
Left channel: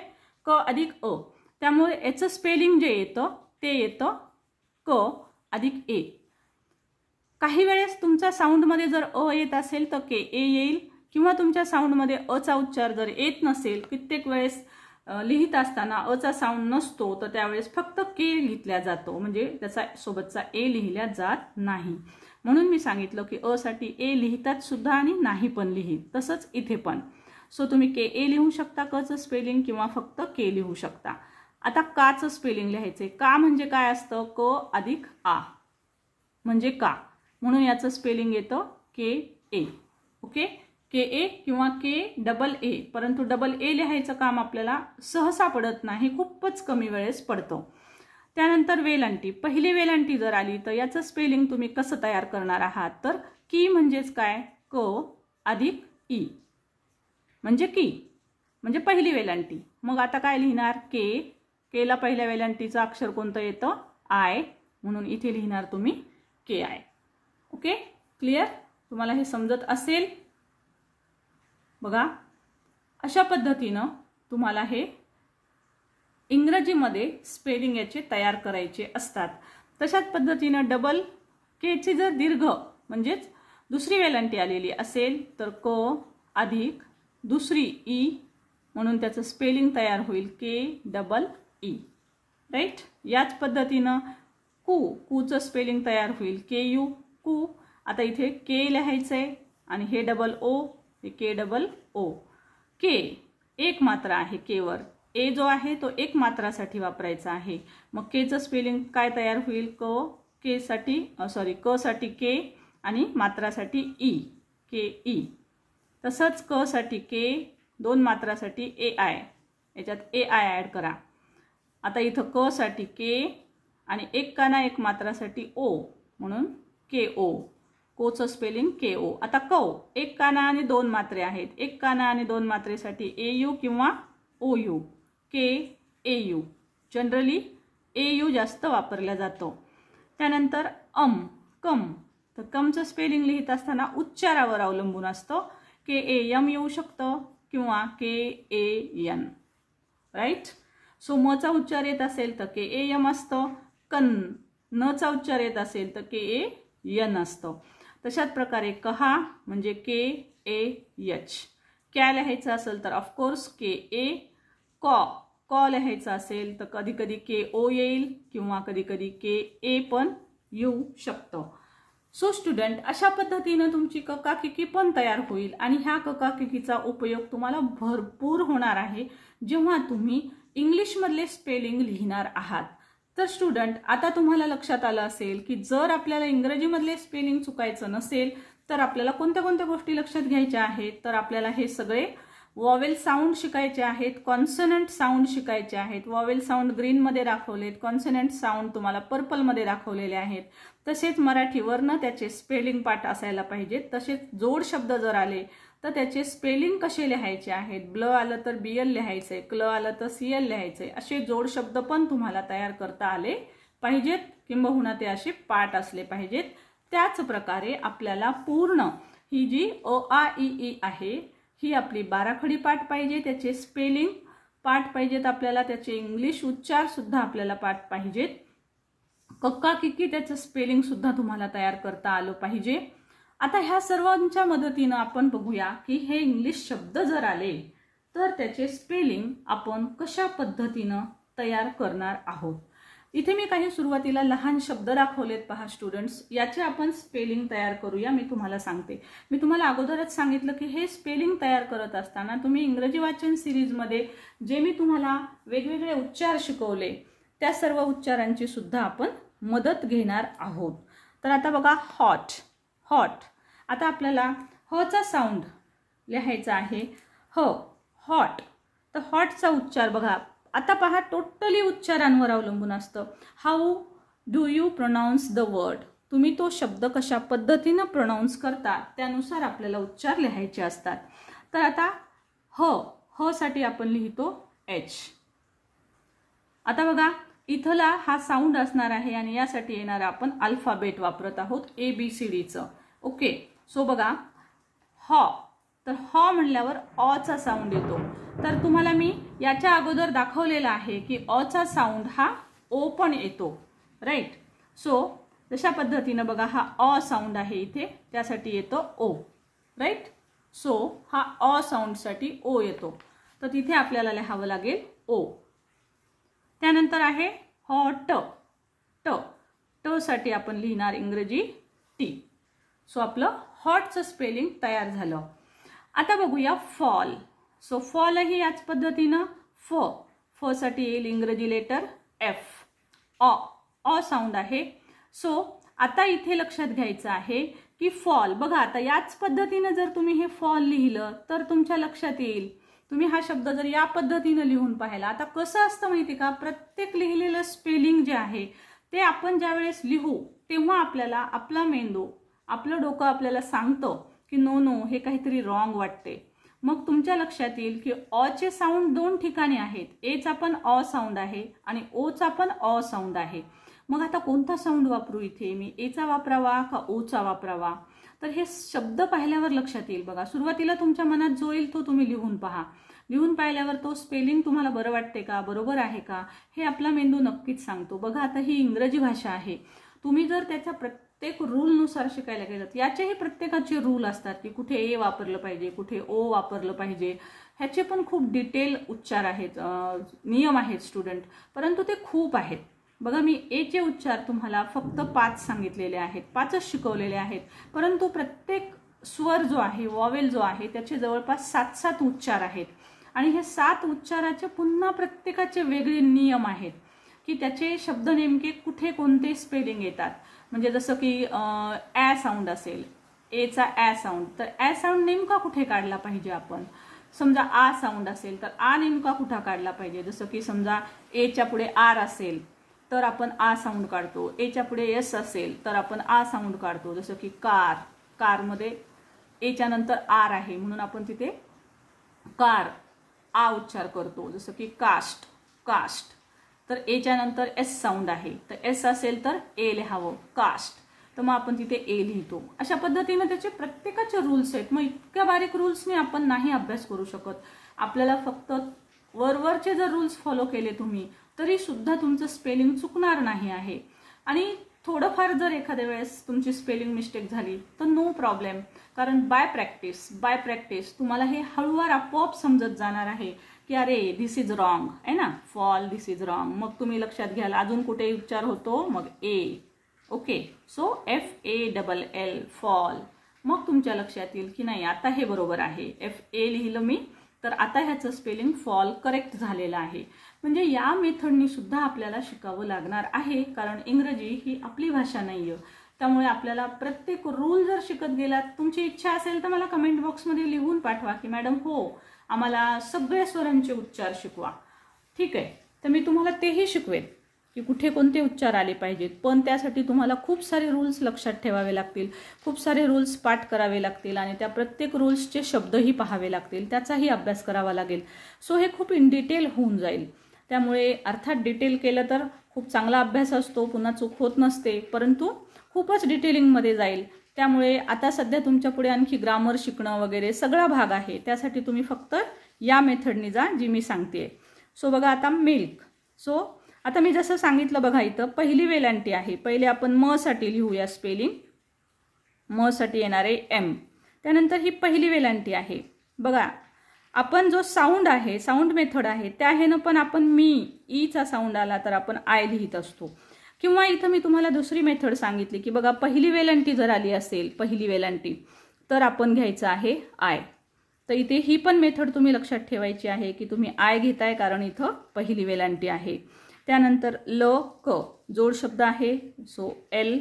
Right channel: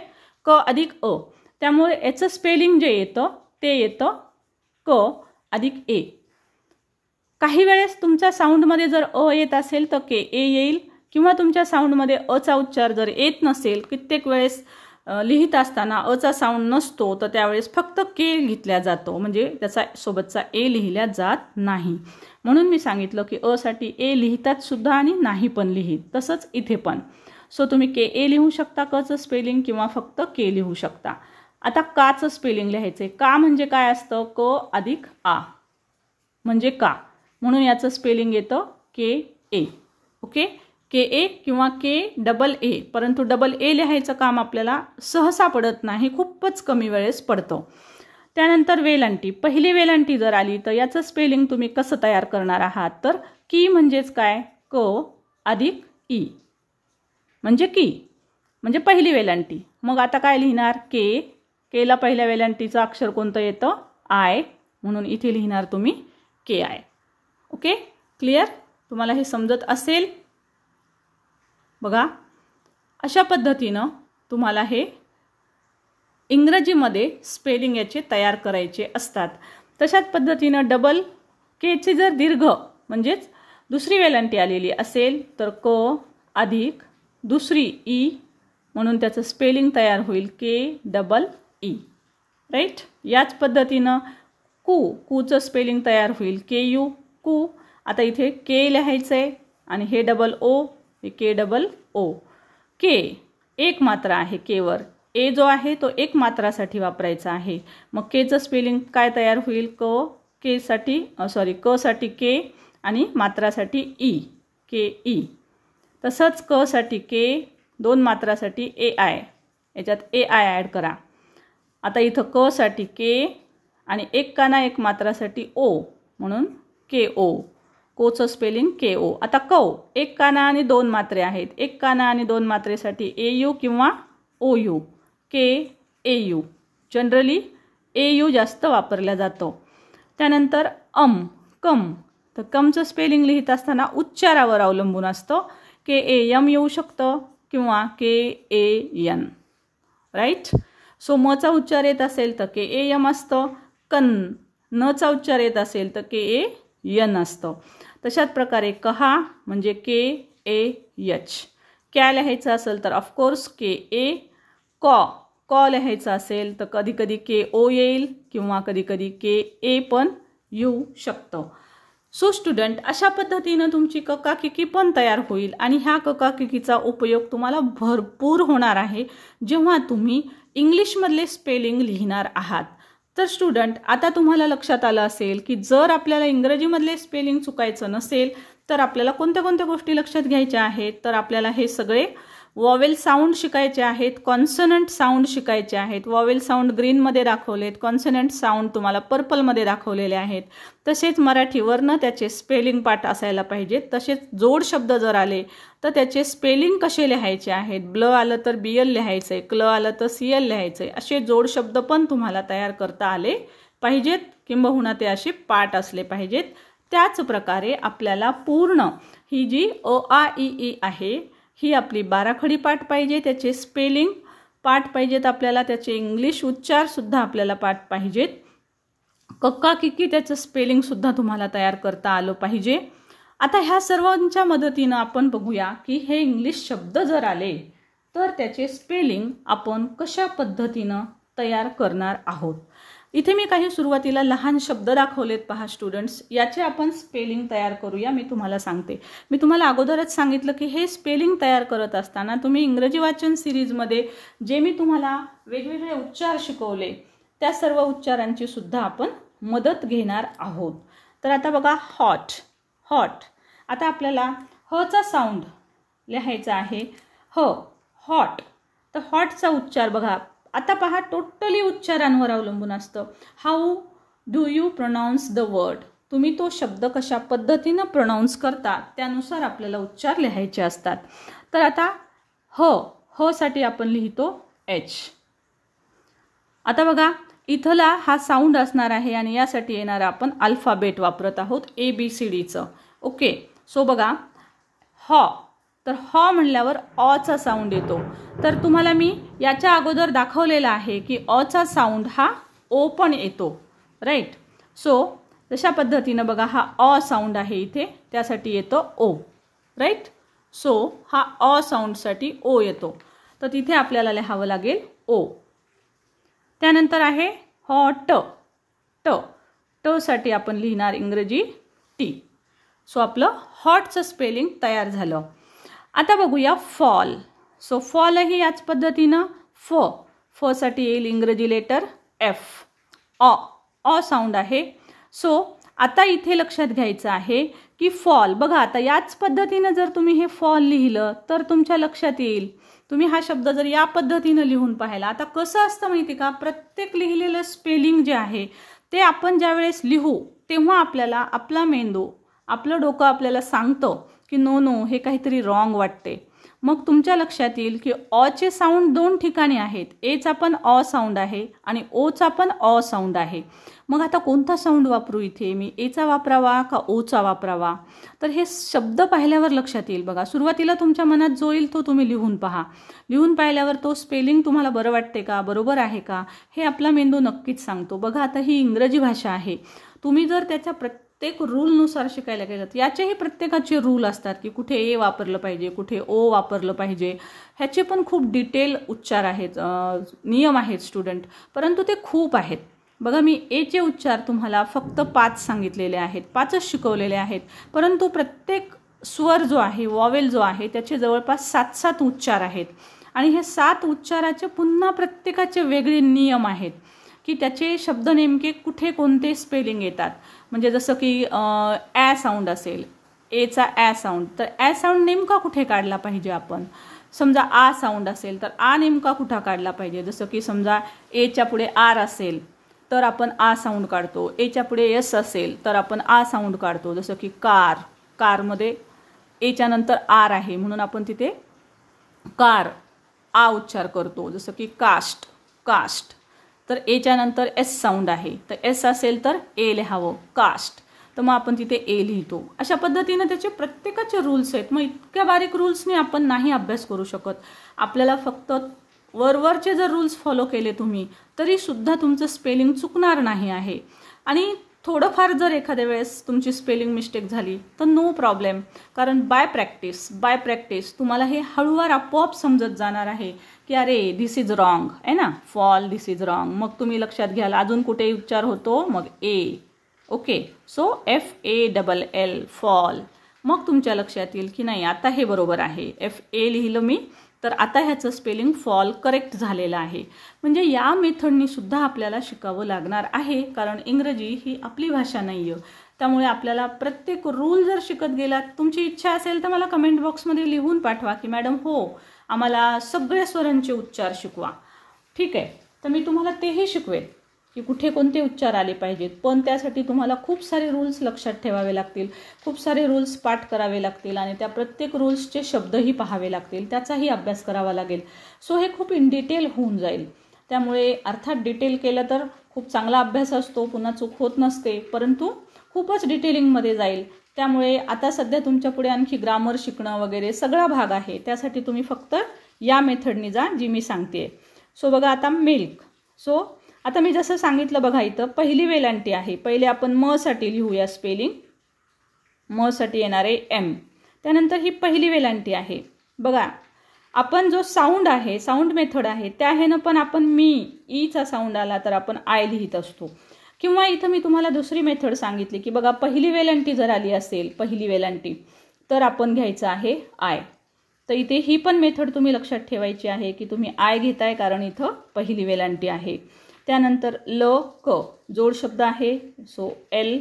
क अधिक अ. त्यामुळे याचं स्पेलिंग जे येतं ते येतं क अधिक ए. काही वेळेस तुमच्या साऊंडमध्ये जर अ येत असेल तर के ए येईल किंवा तुमच्या साऊंडमध्ये अचा उच्चार जर येत नसेल, कित्येक वेळेस लिहित असताना अचा साऊंड नसतो तर त्यावेळेस फक्त के लिहिल्या जातो, म्हणजे त्याचा सोबतचा ए लिहिल्या जात नाही. म्हणून मी सांगितलं की अ साठी ए लिहितात सुद्धा आणि नाही पण लिहित. तसंच इथे पण. सो तुम्ही के ए लिहू शकता कचं स्पेलिंग किंवा फक्त के लिहू शकता. आता काचं स्पेलिंग लिहायचं आहे. का म्हणजे काय असतं. क अधिक आ म्हणजे का, म्हणून याचं स्पेलिंग येतं के ए. ओके. के ए किंवा के डबल ए. परंतु डबल ए लिहायचं काम आपल्याला सहसा पडत नाही, खूपच कमी वेळेस पडतं. त्यानंतर वेलांटी. पहिली वेलांटी जर आली तर याचं स्पेलिंग तुम्ही कसं तयार करणार आहात. तर की म्हणजेच काय. क अधिक ई म्हणजे की, म्हणजे पहिली वेलांटी. मग आता काय लिहिणार. के. केला पहिल्या वेलांटीचं अक्षर कोणतं येतं. आय. म्हणून इथे लिहिणार तुम्ही के आय. ओके. क्लिअर. तुम्हाला हे समजत असेल. बघा अशा पद्धतीनं तुम्हाला हे इंग्रजीमध्ये स्पेलिंग याचे तयार करायचे असतात. तशाच पद्धतीनं डबल केची जर दीर्घ म्हणजेच दुसरी वेलांटी आलेली असेल तर क अधिक दुसरी ई, म्हणून त्याचं स्पेलिंग तयार होईल के डबल ई. राईट. याच पद्धतीनं कूचं स्पेलिंग तयार होईल के यू कू. आता इथे के लिहायचं आहे आणि हे डबल ओ, हे के डबल ओ. के एक मात्रा आहे केवर. ए जो आहे तो एक मात्रासाठी वापरायचा आहे. मग केचं स्पेलिंग काय तयार होईल. क साठी के आणि मात्रासाठी ई के ई. तसंच क साठी के, दोन मात्रासाठी ए आय, याच्यात ए आय ॲड करा. आता इथं क साठी के आणि एक काना एक मात्रासाठी ओ, म्हणून के ओ. कोचं स्पेलिंग के ओ. आता कौ एक काना आणि दोन मात्रे आहेत. एक काना आणि दोन मात्रेसाठी ए यू किंवा ओ यू. के A U. Generally A U जास्त वापरला जातो. त्यानंतर कम. तर कमचं स्पेलिंग लिहित असताना उच्चारावर अवलंबून असतं. के ए एम येऊ शकतं किंवा के ए एन. राईट. सो मचा उच्चार येत असेल तर के ए एम असतं. नचा उच्चार येत असेल तर के ए एन असतं. तशाच प्रकारे कहा म्हणजे के ए एच. क्या लिहायचं असेल तर ऑफकोर्स के ए. कॉ लिहायचं असेल तर कधी कधी के ओ येईल किंवा कधी कधी के ए पण येऊ शकतं. सो स्टुडंट अशा पद्धतीनं तुमची ककाकिकी पण तयार होईल आणि ह्या ककाकिकीचा उपयोग तुम्हाला भरपूर होणार आहे जेव्हा तुम्ही इंग्लिशमधले स्पेलिंग लिहिणार आहात. तर स्टुडंट आता तुम्हाला लक्षात आलं असेल की जर आपल्याला इंग्रजीमधले स्पेलिंग चुकायचं नसेल तर आपल्याला कोणत्या कोणत्या गोष्टी लक्षात घ्यायच्या आहेत. तर आपल्याला हे सगळे वॉवेल साऊंड शिकायचे आहेत, कॉन्सनंट साऊंड शिकायचे आहेत. वॉवेल साऊंड ग्रीनमध्ये दाखवलेत, कॉन्सनंट साऊंड तुम्हाला पर्पलमध्ये दाखवलेले आहेत. तसेच मराठी वर्ण त्याचे स्पेलिंग पाठ असायला पाहिजेत. तसेच जोड शब्द जर आले तर त्याचे स्पेलिंग कसे लिहायचे आहेत. ब्ल आलं तर BL लिहायचं आहे, क्ल आलं तर CL लिहायचं आहे. असे जोड शब्द पण तुम्हाला तयार करता आले पाहिजेत, किंबहुना ते असे पाठ असले पाहिजेत. त्याच प्रकारे आपल्याला पूर्ण ही जी अ आ इ ई आहे ही आपली 12 खडी पाठ पाहिजे. त्याचे स्पेलिंग पाठ पाहिजेत आपल्याला. त्याचे इंग्लिश उच्चारसुद्धा आपल्याला पाठ पाहिजेत. कक्काकिकी त्याचं स्पेलिंगसुद्धा तुम्हाला तयार करता आलं पाहिजे. आता ह्या सर्वांच्या मदतीनं आपण बघूया की हे इंग्लिश शब्द जर आले तर त्याचे स्पेलिंग आपण कशा पद्धतीनं तयार करणार आहोत. इथे मी काही सुरुवातीला लहान शब्द दाखवलेत पहा स्टुडंट्स. याचे आपण स्पेलिंग तयार करूया. मी तुम्हाला सांगते. मी तुम्हाला अगोदरच सांगितलं की हे स्पेलिंग तयार करत असताना तुम्ही इंग्रजी वाचन सिरीजमध्ये जे मी तुम्हाला वेगवेगळे उच्चार शिकवले त्या सर्व उच्चारांची सुद्धा आपण मदत घेणार आहोत. तर आता बघा हॉट. आता आपल्याला हचा साऊंड लिहायचा आहे हॉट. तर हॉटचा उच्चार बघा. आता पहा टोटली उच्चारांवर अवलंबून असतं. How do you pronouns the word? तुम्ही तो शब्द कशा पद्धतीनं प्रोनाऊन्स करता त्यानुसार आपल्याला उच्चार लिहायचे असतात. तर आता ह साठी आपण लिहितो एच. आता बघा इथला हा साऊंड असणार आहे आणि यासाठी येणारा आपण अल्फाबेट वापरत आहोत ABCDचं. ओके. सो बघा तर म्हणल्यावर अचा साऊंड येतो. तर तुम्हाला मी याच्या अगोदर दाखवलेला आहे की अचा साऊंड हा ओ पण येतो, राईट. सो तशा पद्धतीनं बघा हा अ साऊंड आहे इथे, त्यासाठी येतो ओ, राईट. सो हा अ साऊंडसाठी ओ येतो, तर तिथे आपल्याला लिहावं लागेल ओ. त्यानंतर आहे ट साठी आपण लिहिणार इंग्रजी टी. सो आपलं हॉटचं स्पेलिंग तयार झालं. आता बघूया फॉल. सो फॉलही याच पद्धतीनं फ साठी येईल इंग्रजी लेटर एफ. अ साऊंड आहे. सो आता इथे लक्षात घ्यायचं आहे की फॉल बघा आता याच पद्धतीनं जर तुम्ही हे फॉल लिहिलं तर तुमच्या लक्षात येईल. तुम्ही हा शब्द जर या पद्धतीनं लिहून पाहिला. आता कसं असतं माहिती का, प्रत्येक लिहिलेलं स्पेलिंग जे आहे ते आपण ज्यावेळेस लिहू तेव्हा आपल्याला आपला मेंदू आपलं डोकं आपल्याला सांगतं की नो हे काहीतरी रॉंग वाटते. मग तुमच्या लक्षात येईल की अचे साऊंड दोन ठिकाणी आहेत. एचा पण अ साऊंड आहे आणि ओचा पण अ साऊंड आहे. मग आता कोणता साऊंड वापरू इथे मी, एचा वापरावा का ओचा वापरावा? तर हे शब्द पाहिल्यावर लक्षात येईल. बघा सुरुवातीला तुमच्या मनात जो येईल तो तुम्ही लिहून पहा. लिहून पाहिल्यावर तो स्पेलिंग तुम्हाला बरं वाटते का, बरोबर आहे का, हे आपला मेंदू नक्कीच सांगतो. बघा आता ही इंग्रजी भाषा आहे. तुम्ही जर त्याच्या प्रत्येक रूलनुसार शिकायला गेलात, याचेही प्रत्येकाचे रूल असतात की कुठे ए वापरलं पाहिजे, कुठे ओ वापरलं पाहिजे. ह्याचे पण खूप डिटेल उच्चार आहेत, नियम आहेत स्टुडंट, परंतु ते खूप आहेत. बघा मी एचे उच्चार तुम्हाला फक्त 5 सांगितलेले आहेत, 5च शिकवलेले आहेत, परंतु प्रत्येक स्वर जो आहे, वॉवेल जो आहे, त्याचे जवळपास 7 उच्चार आहेत. आणि हे 7 उच्चाराचे पुन्हा प्रत्येकाचे वेगळे नियम आहेत की त्याचे शब्द नेमके कुठे कोणते स्पेलिंग येतात. म्हणजे जसं की ॲ साऊंड असेल, एचा ॲ साऊंड, तर ॲ साऊंड नेमका कुठे काढला पाहिजे आपण. समजा आ साऊंड असेल तर आ नेमका कुठं काढला पाहिजे. जसं की समजा एच्या पुढे आर असेल तर आपण आ साऊंड काढतो, एच्या पुढे एस असेल तर आपण आ साऊंड काढतो. जसं की कारमध्ये एच्या नंतर आर आहे म्हणून आपण तिथे कार आ उच्चार करतो. जसं की कास्ट तर एच्या नंतर एस साऊंड आहे, तर एस असेल तर ए लिहावं, कास्ट, तर मग आपण तिथे ए लिहितो. अशा पद्धतीने त्याचे प्रत्येकाचे रूल्स आहेत. मग इतक्या बारीक रूल्सने आपण नाही अभ्यास करू शकत. आपल्याला फक्त वरवरचे जर रूल्स फॉलो केले तुम्ही तरी सुद्धा तुमचं स्पेलिंग चुकणार नाही आहे. आणि थोडंफार जर एखाद्या वेळेस तुमची स्पेलिंग मिस्टेक झाली तर नो प्रॉब्लेम, कारण बाय प्रॅक्टिस तुम्हाला हे हळूवार आपोआप समजत जाणार आहे की अरे दिस इज रॉंग आहे ना, फॉल दिस इज रॉंग. मग तुम्ही लक्षात घ्याल अजून कुठे उच्चार होतो, मग ए. ओके. So FALL fall. मग तुमच्या लक्षात येईल की नाही आता हे बरोबर आहे, FA लिहिलं मी तर आता ह्याचं स्पेलिंग फॉल करेक्ट झालेलं आहे. म्हणजे या मेथडनी सुद्धा आपल्याला शिकावं लागणार आहे, कारण इंग्रजी ही आपली भाषा नाही आहे. त्यामुळे आपल्याला प्रत्येक रूल जर शिकत गेलात, तुमची इच्छा असेल तर मला कमेंट बॉक्समध्ये लिहून पाठवा की मॅडम हो आम्हाला सगळ्या स्वरांचे उच्चार शिकवा. ठीक आहे, तर मी तुम्हाला तेही शिकवेन की कुठे कोणते उच्चार आले पाहिजेत. पण त्यासाठी तुम्हाला खूप सारे रूल्स लक्षात ठेवावे लागतील, खूप सारे रूल्स पाठ करावे लागतील आणि त्या प्रत्येक रूल्सचे शब्दही पाहावे लागतील, त्याचाही अभ्यास करावा लागेल. सो हे खूप इन डिटेल होऊन जाईल. त्यामुळे अर्थात डिटेल केलं तर खूप चांगला अभ्यास असतो, पुन्हा चूक होत नसते, परंतु खूपच डिटेलिंगमध्ये जाईल. त्यामुळे आता सध्या तुमच्या पुढे आणखी ग्रामर शिकणं वगैरे सगळा भाग आहे. त्यासाठी तुम्ही फक्त या मेथडनी जा जी मी सांगते. सो बघा आता मिल्क. सो आता मी जसं सांगितलं बघा इथं पहिली वेलांटी आहे. पहिले आपण म साठी लिहूया स्पेलिंग. म साठी येणार आहे एम. त्यानंतर ही पहिली वेलांटी आहे. बघा आपण जो साऊंड आहे, साऊंड मेथड आहे, त्या ह्यानं पण आपण ईचा साऊंड आला तर आपण आय लिहित असतो. किंवा इथं मी तुम्हाला दुसरी मेथड सांगितली की बघा पहिली वेलांटी जर आली असेल, पहिली वेलांटी, तर आपण घ्यायचं आहे आय. तर इथे ही पण मेथड तुम्ही लक्षात ठेवायची आहे की तुम्ही आय घेताय कारण इथं पहिली वेलांटी आहे. त्यानंतर क जोड शब्द आहे. सो एल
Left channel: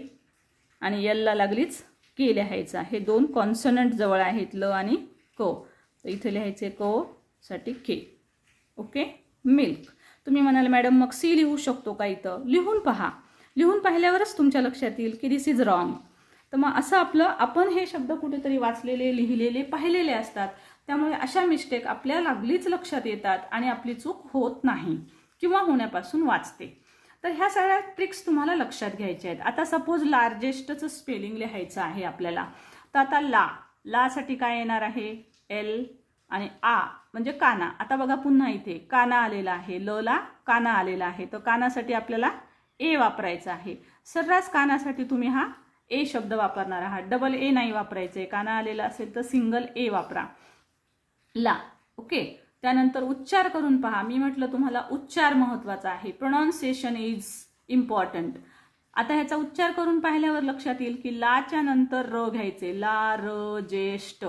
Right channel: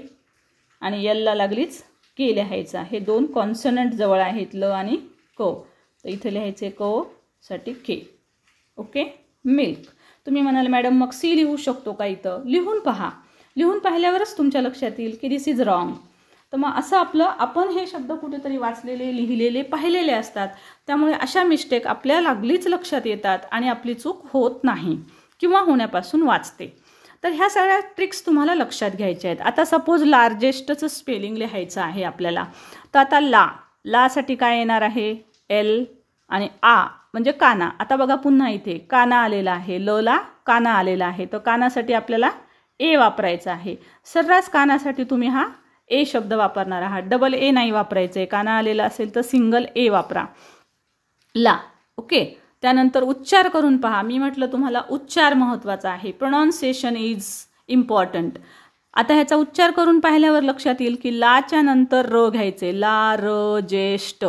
आणि एलला लागलीच के लिहायचं आहे. 2 कॉन्सनंट जवळ आहेत ल आणि क, तर इथे लिहायचे क साठी के. ओके. मिल्क. तुम्ही म्हणाल मॅडम मग सी लिहू शकतो का? इथं लिहून पहा. लिहून पाहिल्यावरच तुमच्या लक्षात येईल की दिस इज रॉंग. तर मग असं आपण हे शब्द कुठेतरी वाचलेले, लिहिलेले, पाहिलेले असतात. त्यामुळे अशा मिस्टेक आपल्या लागलीच लक्षात येतात आणि आपली चूक होत नाही किंवा होण्यापासून वाचते. तर ह्या सगळ्या ट्रिक्स तुम्हाला लक्षात घ्यायच्या आहेत. आता सपोज लार्जेस्टचं स्पेलिंग लिहायचं आहे आपल्याला. तर आता लासाठी काय येणार आहे? एल आणि आ म्हणजे काना. आता बघा पुन्हा इथे काना आलेला आहे, ला काना आलेला आहे. तर कानासाठी आपल्याला ए वापरायचा आहे. सर्रास कानासाठी तुम्ही हा ए शब्द वापरणार आहात, डबल ए नाही वापरायचं आहे. काना आलेला असेल तर सिंगल ए वापरा, ला. ओके. त्यानंतर उच्चार करून पहा. मी म्हटलं तुम्हाला उच्चार महत्त्वाचा आहे, प्रोनाऊन्सिएशन इज इम्पॉर्टंट. आता ह्याचा उच्चार करून पाहिल्यावर लक्षात येईल की लाच्या नंतर र घ्यायचे, ला र ज्येष्ठ.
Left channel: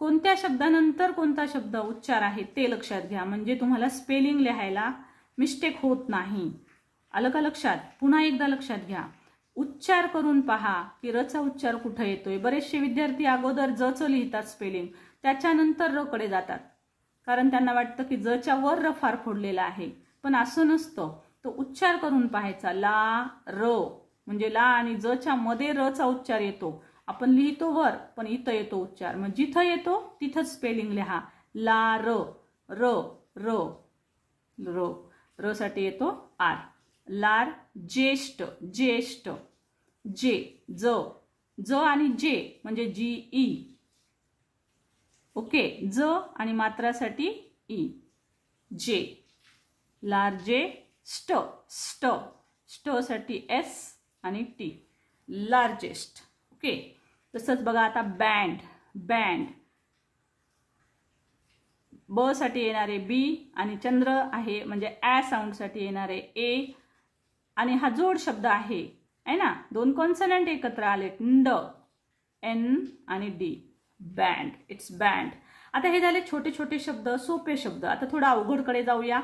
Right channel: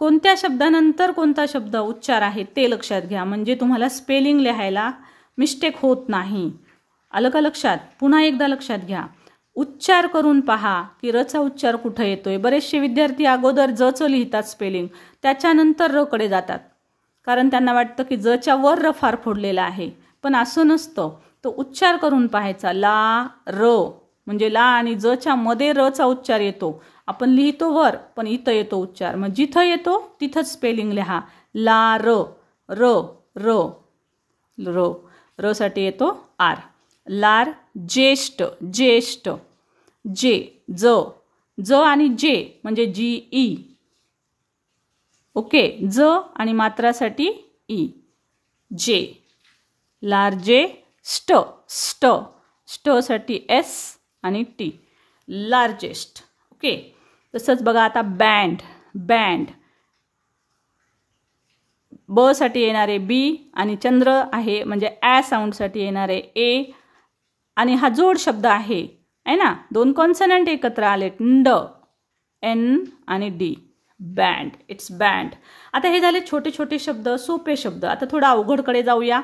कोणत्या शब्दानंतर कोणता शब्द उच्चार आहे ते लक्षात घ्या, म्हणजे तुम्हाला स्पेलिंग लिहायला मिस्टेक होत नाही. आलं का लक्षात? पुन्हा एकदा लक्षात घ्या. उच्चार करून पहा की रचा उच्चार कुठं येतोय. बरेचसे विद्यार्थी अगोदर जचं लिहितात स्पेलिंग, त्याच्यानंतर र कडे जातात, कारण त्यांना वाटतं की जच्या वर र फार फोडलेला आहे. पण असं नसतं. तो उच्चार करून पाहायचा. ला र म्हणजे ला आणि जच्या मध्ये रचा उच्चार येतो. आपण लिहितो वर, पण इथं येतो उच्चार. मग जिथं येतो तिथंच स्पेलिंग लिहा. ला र र र र र साठी येतो आर. लार ज्येष्ठ ज्येष्ठ जे ज आणि जे म्हणजे जी ई. ओके. ज आणि मात्रासाठी ई जे. लार्जे स्ट स्ट साठी एस आणि टी लार्जेस्ट. ओके. तसंच बघा आता बँड बँड ब साठी येणारे बी आणि चंद्र आहे म्हणजे ॲ साऊंडसाठी येणारे ए. आणि हा जोड शब्द आहे ना, दोन कॉन्सनंट एकत्र आले, ड एन आणि डी. बँड. It's band. आता हे झाले छोटे छोटे शब्द, सोपे शब्द. आता थोडा अवघडकडे जाऊया.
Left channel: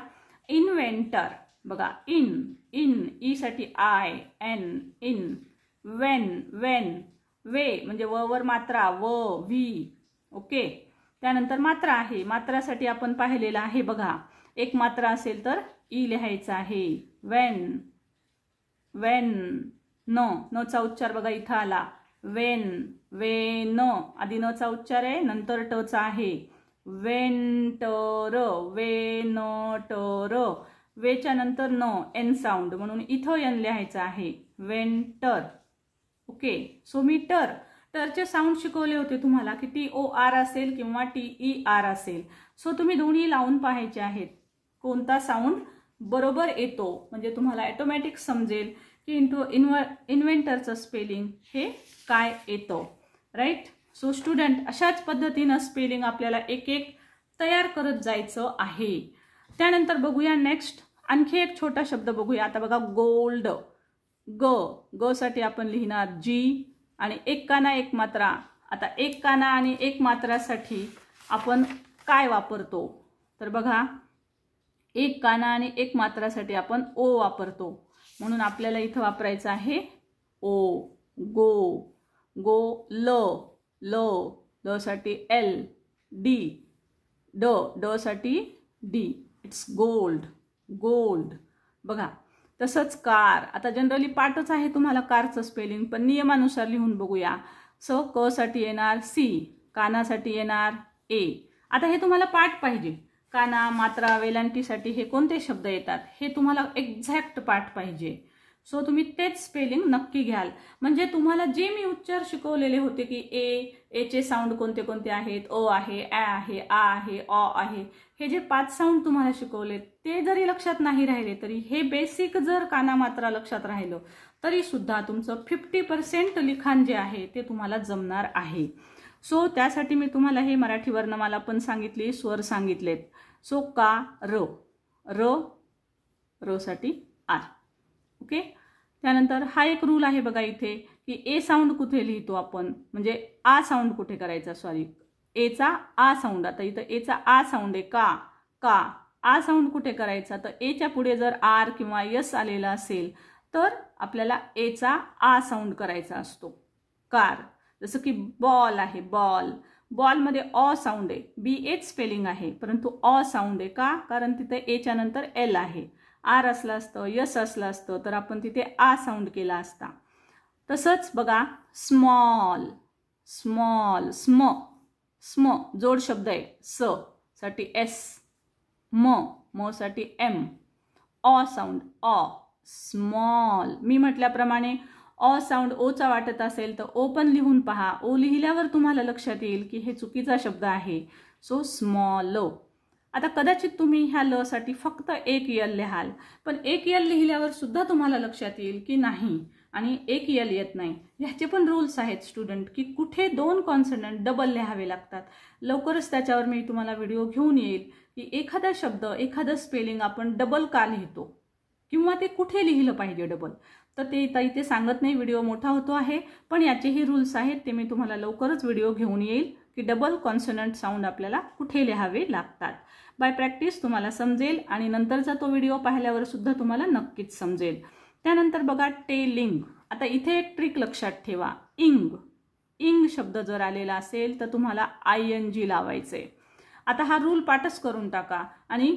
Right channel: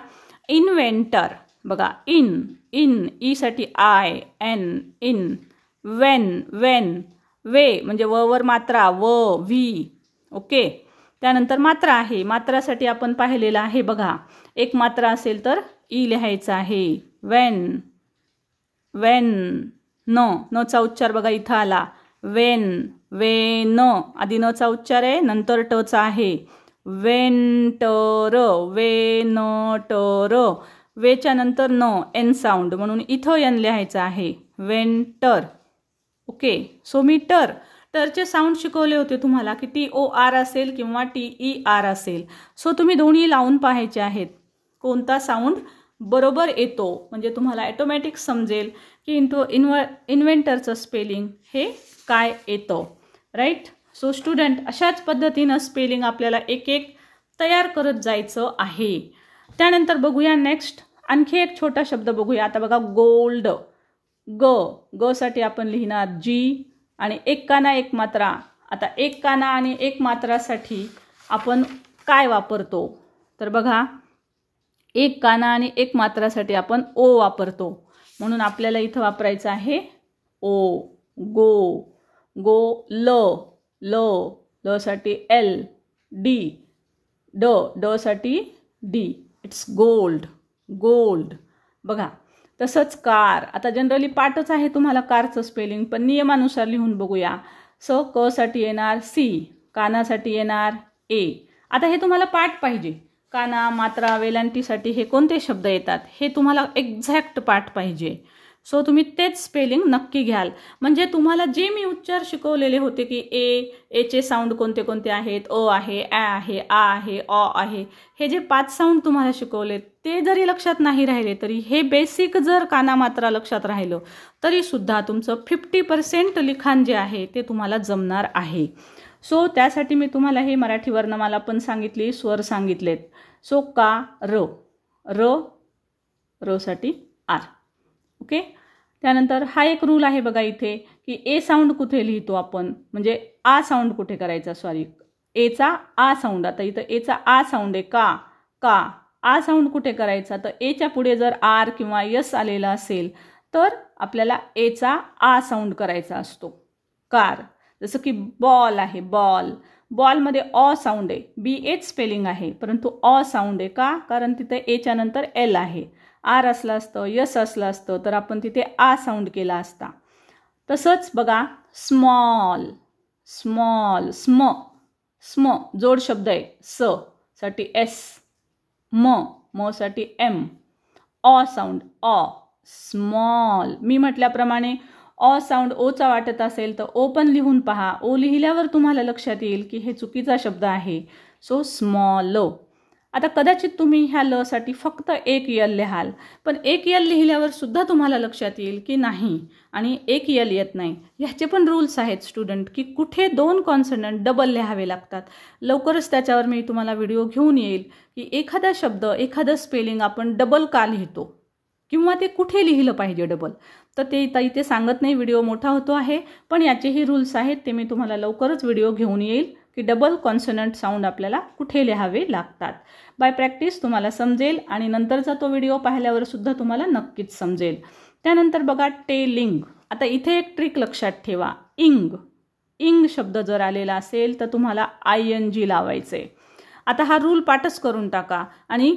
इन्व्हेंटर. बघा इन ई साठी आय एन इन. वेन वे म्हणजे व वर मात्रा व व्ही. ओके. त्यानंतर मात्रा आहे. मात्रासाठी आपण पाहिलेलं आहे बघा, एक मात्रा असेल तर ई लिहायचा आहे. वेन नचा उच्चार बघा इथं आला. वेन आधी नचा उच्चार आहे, नंतर टचा आहे. वेंटर वेनटर. वेच्या नंतर न एन साऊंड म्हणून इथं एन लिहायचं आहे. वेंटर. ओके. सो मी टरचे साऊंड शिकवले होते तुम्हाला की TOR असेल किंवा TER असेल. सो तुम्ही दोन्ही लावून पाहायचे आहेत कोणता साऊंड बरोबर येतो, म्हणजे तुम्हाला ऑटोमॅटिक समजेल की इन्व्हेंटरचं स्पेलिंग हे काय येतं. राईट. सो स्टुडंट, अशाच पद्धतीनं स्पेलिंग आपल्याला एक एक तयार करत जायचं आहे. त्यानंतर बघूया नेक्स्ट आणखी एक छोटा शब्द बघूया. आता बघा गोल्ड. ग साठी आपण लिहिणार जी आणि एक काना एक मात्रा. आता एक काना आणि एक मात्रासाठी आपण काय वापरतो तर बघा, एक काना आणि एक मात्रासाठी आपण ओ वापरतो. म्हणून आपल्याला इथं वापरायचं आहे ओ. गो ल साठी एल. ड साठी डी. It's gold. बघा. तसंच कार. आता जनरली पाठच आहे तुम्हाला कारचं स्पेलिंग, पण नियमानुसार लिहून बघूया. क साठी येणार सी. कानासाठी येणार ए. आता हे तुम्हाला पाठ पाहिजे. काना, मात्रा, वेलांटीसाठी हे कोणते शब्द येतात हे तुम्हाला एक्झॅक्ट पाठ पाहिजे. सो तुम्ही तेच स्पेलिंग नक्की घ्याल. म्हणजे तुम्हाला जे मी उच्चार शिकवलेले होते की एचे साऊंड कोणते कोणते आहेत, अ आहे, ॲ आहे, आ आहे, अ आहे, हे जे 5 साऊंड तुम्हाला शिकवले ते जरी लक्षात नाही राहिले तरी हे बेसिक जर काना मात्रा लक्षात राहिलं तरी सुद्धा तुमचं 50% लिखाण जे आहे ते तुम्हाला जमणार आहे. सो त्यासाठी मी तुम्हाला हे मराठी वर्णमाला पण सांगितली, स्वर सांगितलेत. सो का र साठी आर. ओके. त्यानंतर हा एक रूल आहे बघा इथे की ए साऊंड कुठे लिहितो आपण, म्हणजे आ साऊंड कुठे करायचा, सॉरी एचा आ साऊंड. आता इथं एचा आ साऊंड आहे का आ साऊंड कुठे करायचा, तर एच्या पुढे जर आर किंवा यस आलेला असेल तर आपल्याला एचा आ साऊंड करायचा असतो. कार. जसं की बॉल आहे, बॉलमध्ये अ साऊंड आहे, BH स्पेलिंग आहे परंतु अ साऊंड आहे. का? कारण तिथे एच्या नंतर एल आहे. आर असलं असतं, यस असलं असतं तर आपण तिथे आ साऊंड केला असता. तसंच बघा स्मॉल, स्मॉल, स्म, स्म जोड शब्द आहे. स साठी एस, म साठी एम, ऑ साऊंड ऑ, स्मॉल. मी म्हटल्याप्रमाणे ऑ साऊंड ओचा वाटत असेल तर ओ पण लिहून पहा. ओ लिहिल्यावर तुम्हाला लक्षात येईल की हे चुकीचा शब्द आहे. So small. आता कदाचित तुम्ही ह्या ल साठी फक्त एक यल लिहाल, पण एक यल लिहिल्यावर सुद्धा तुम्हाला लक्षात येईल की नाही आणि एक यल येत नाही. ह्याचे पण रूल्स आहेत स्टुडंट की कुठे 2 कॉन्सनंट डबल लिहावे लागतात. लवकरच त्याच्यावर मी तुम्हाला व्हिडिओ घेऊन येईल की एखादा शब्द, एखादं स्पेलिंग आपण डबल का लिहितो किंवा ते कुठे लिहिलं पाहिजे डबल. तर ते इथे सांगत नाही, व्हिडिओ मोठा होतो आहे, पण याचेही रूल्स आहेत. ते मी तुम्हाला लवकरच व्हिडिओ घेऊन येईल की डबल कॉन्सनंट साऊंड आपल्याला कुठे लिहावे लागतात. बाय प्रॅक्टिस तुम्हाला समजेल आणि नंतरचा तो व्हिडिओ पाहिल्यावर सुद्धा तुम्हाला नक्कीच समजेल. त्यानंतर बघा टेलिंग. आता इथे एक ट्रिक लक्षात ठेवा. इंग, इंग शब्द जर आलेला असेल तर तुम्हाला ING लावायचे. आता हा रूल पाठच करून टाका आणि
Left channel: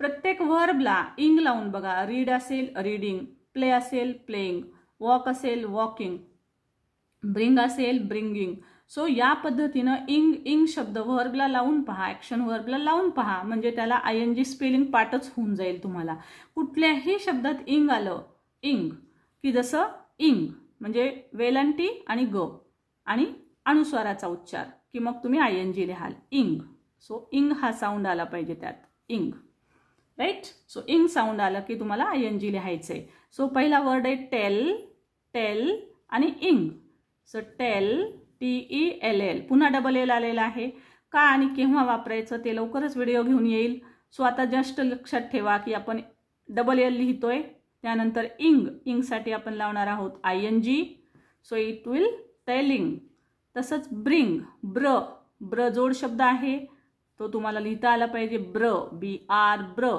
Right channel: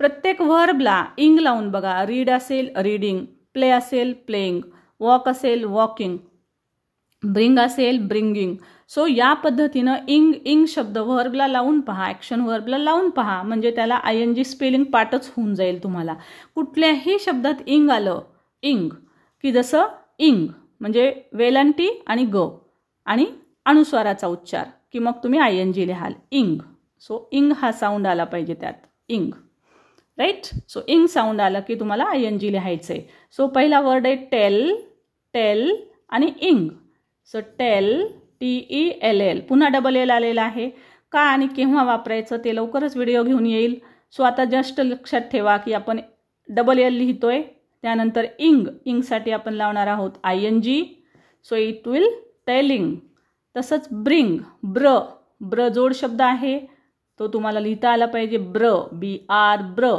प्रत्येक व्हर्बला इंग लावून बघा. रीड असेल रीडिंग, प्ले असेल प्लेइंग, वॉक असेल वॉकिंग, ब्रिंग असेल ब्रिंगिंग. सो या पद्धतीनं इंग, इंग शब्द व्हर्बला लावून पहा, ॲक्शन व्हर्बला लावून पहा, म्हणजे त्याला ING स्पेलिंग पाठच होऊन जाईल तुम्हाला. कुठल्याही शब्दात इंग आलं, इंग की जसं इंग म्हणजे वेलांटी आणि ग आणि अनुस्वाराचा उच्चार की मग तुम्ही ING लिहाल इंग. सो इंग हा साऊंड आला पाहिजे त्यात, इंग. राईट. सो इंग साऊंड आला की तुम्हाला ING लिहायचं आहे. सो पहिला वर्ड आहे टेल, टेल आणि इंग. So tell, TELL. पुन्हा डबल एल आलेला आहे. का आणि केव्हा वापरायचं ते लवकरच व्हिडिओ घेऊन येईल. सो आता जस्ट लक्षात ठेवा की आपण डबल एल लिहितोय. त्यानंतर इंग, इंगसाठी आपण लावणार आहोत ING. So it will telling. तसंच ब्रिंग, ब्र, ब्र जोड शब्द आहे तो तुम्हाला लिहिता आला पाहिजे. ब्र, BR, ब्र.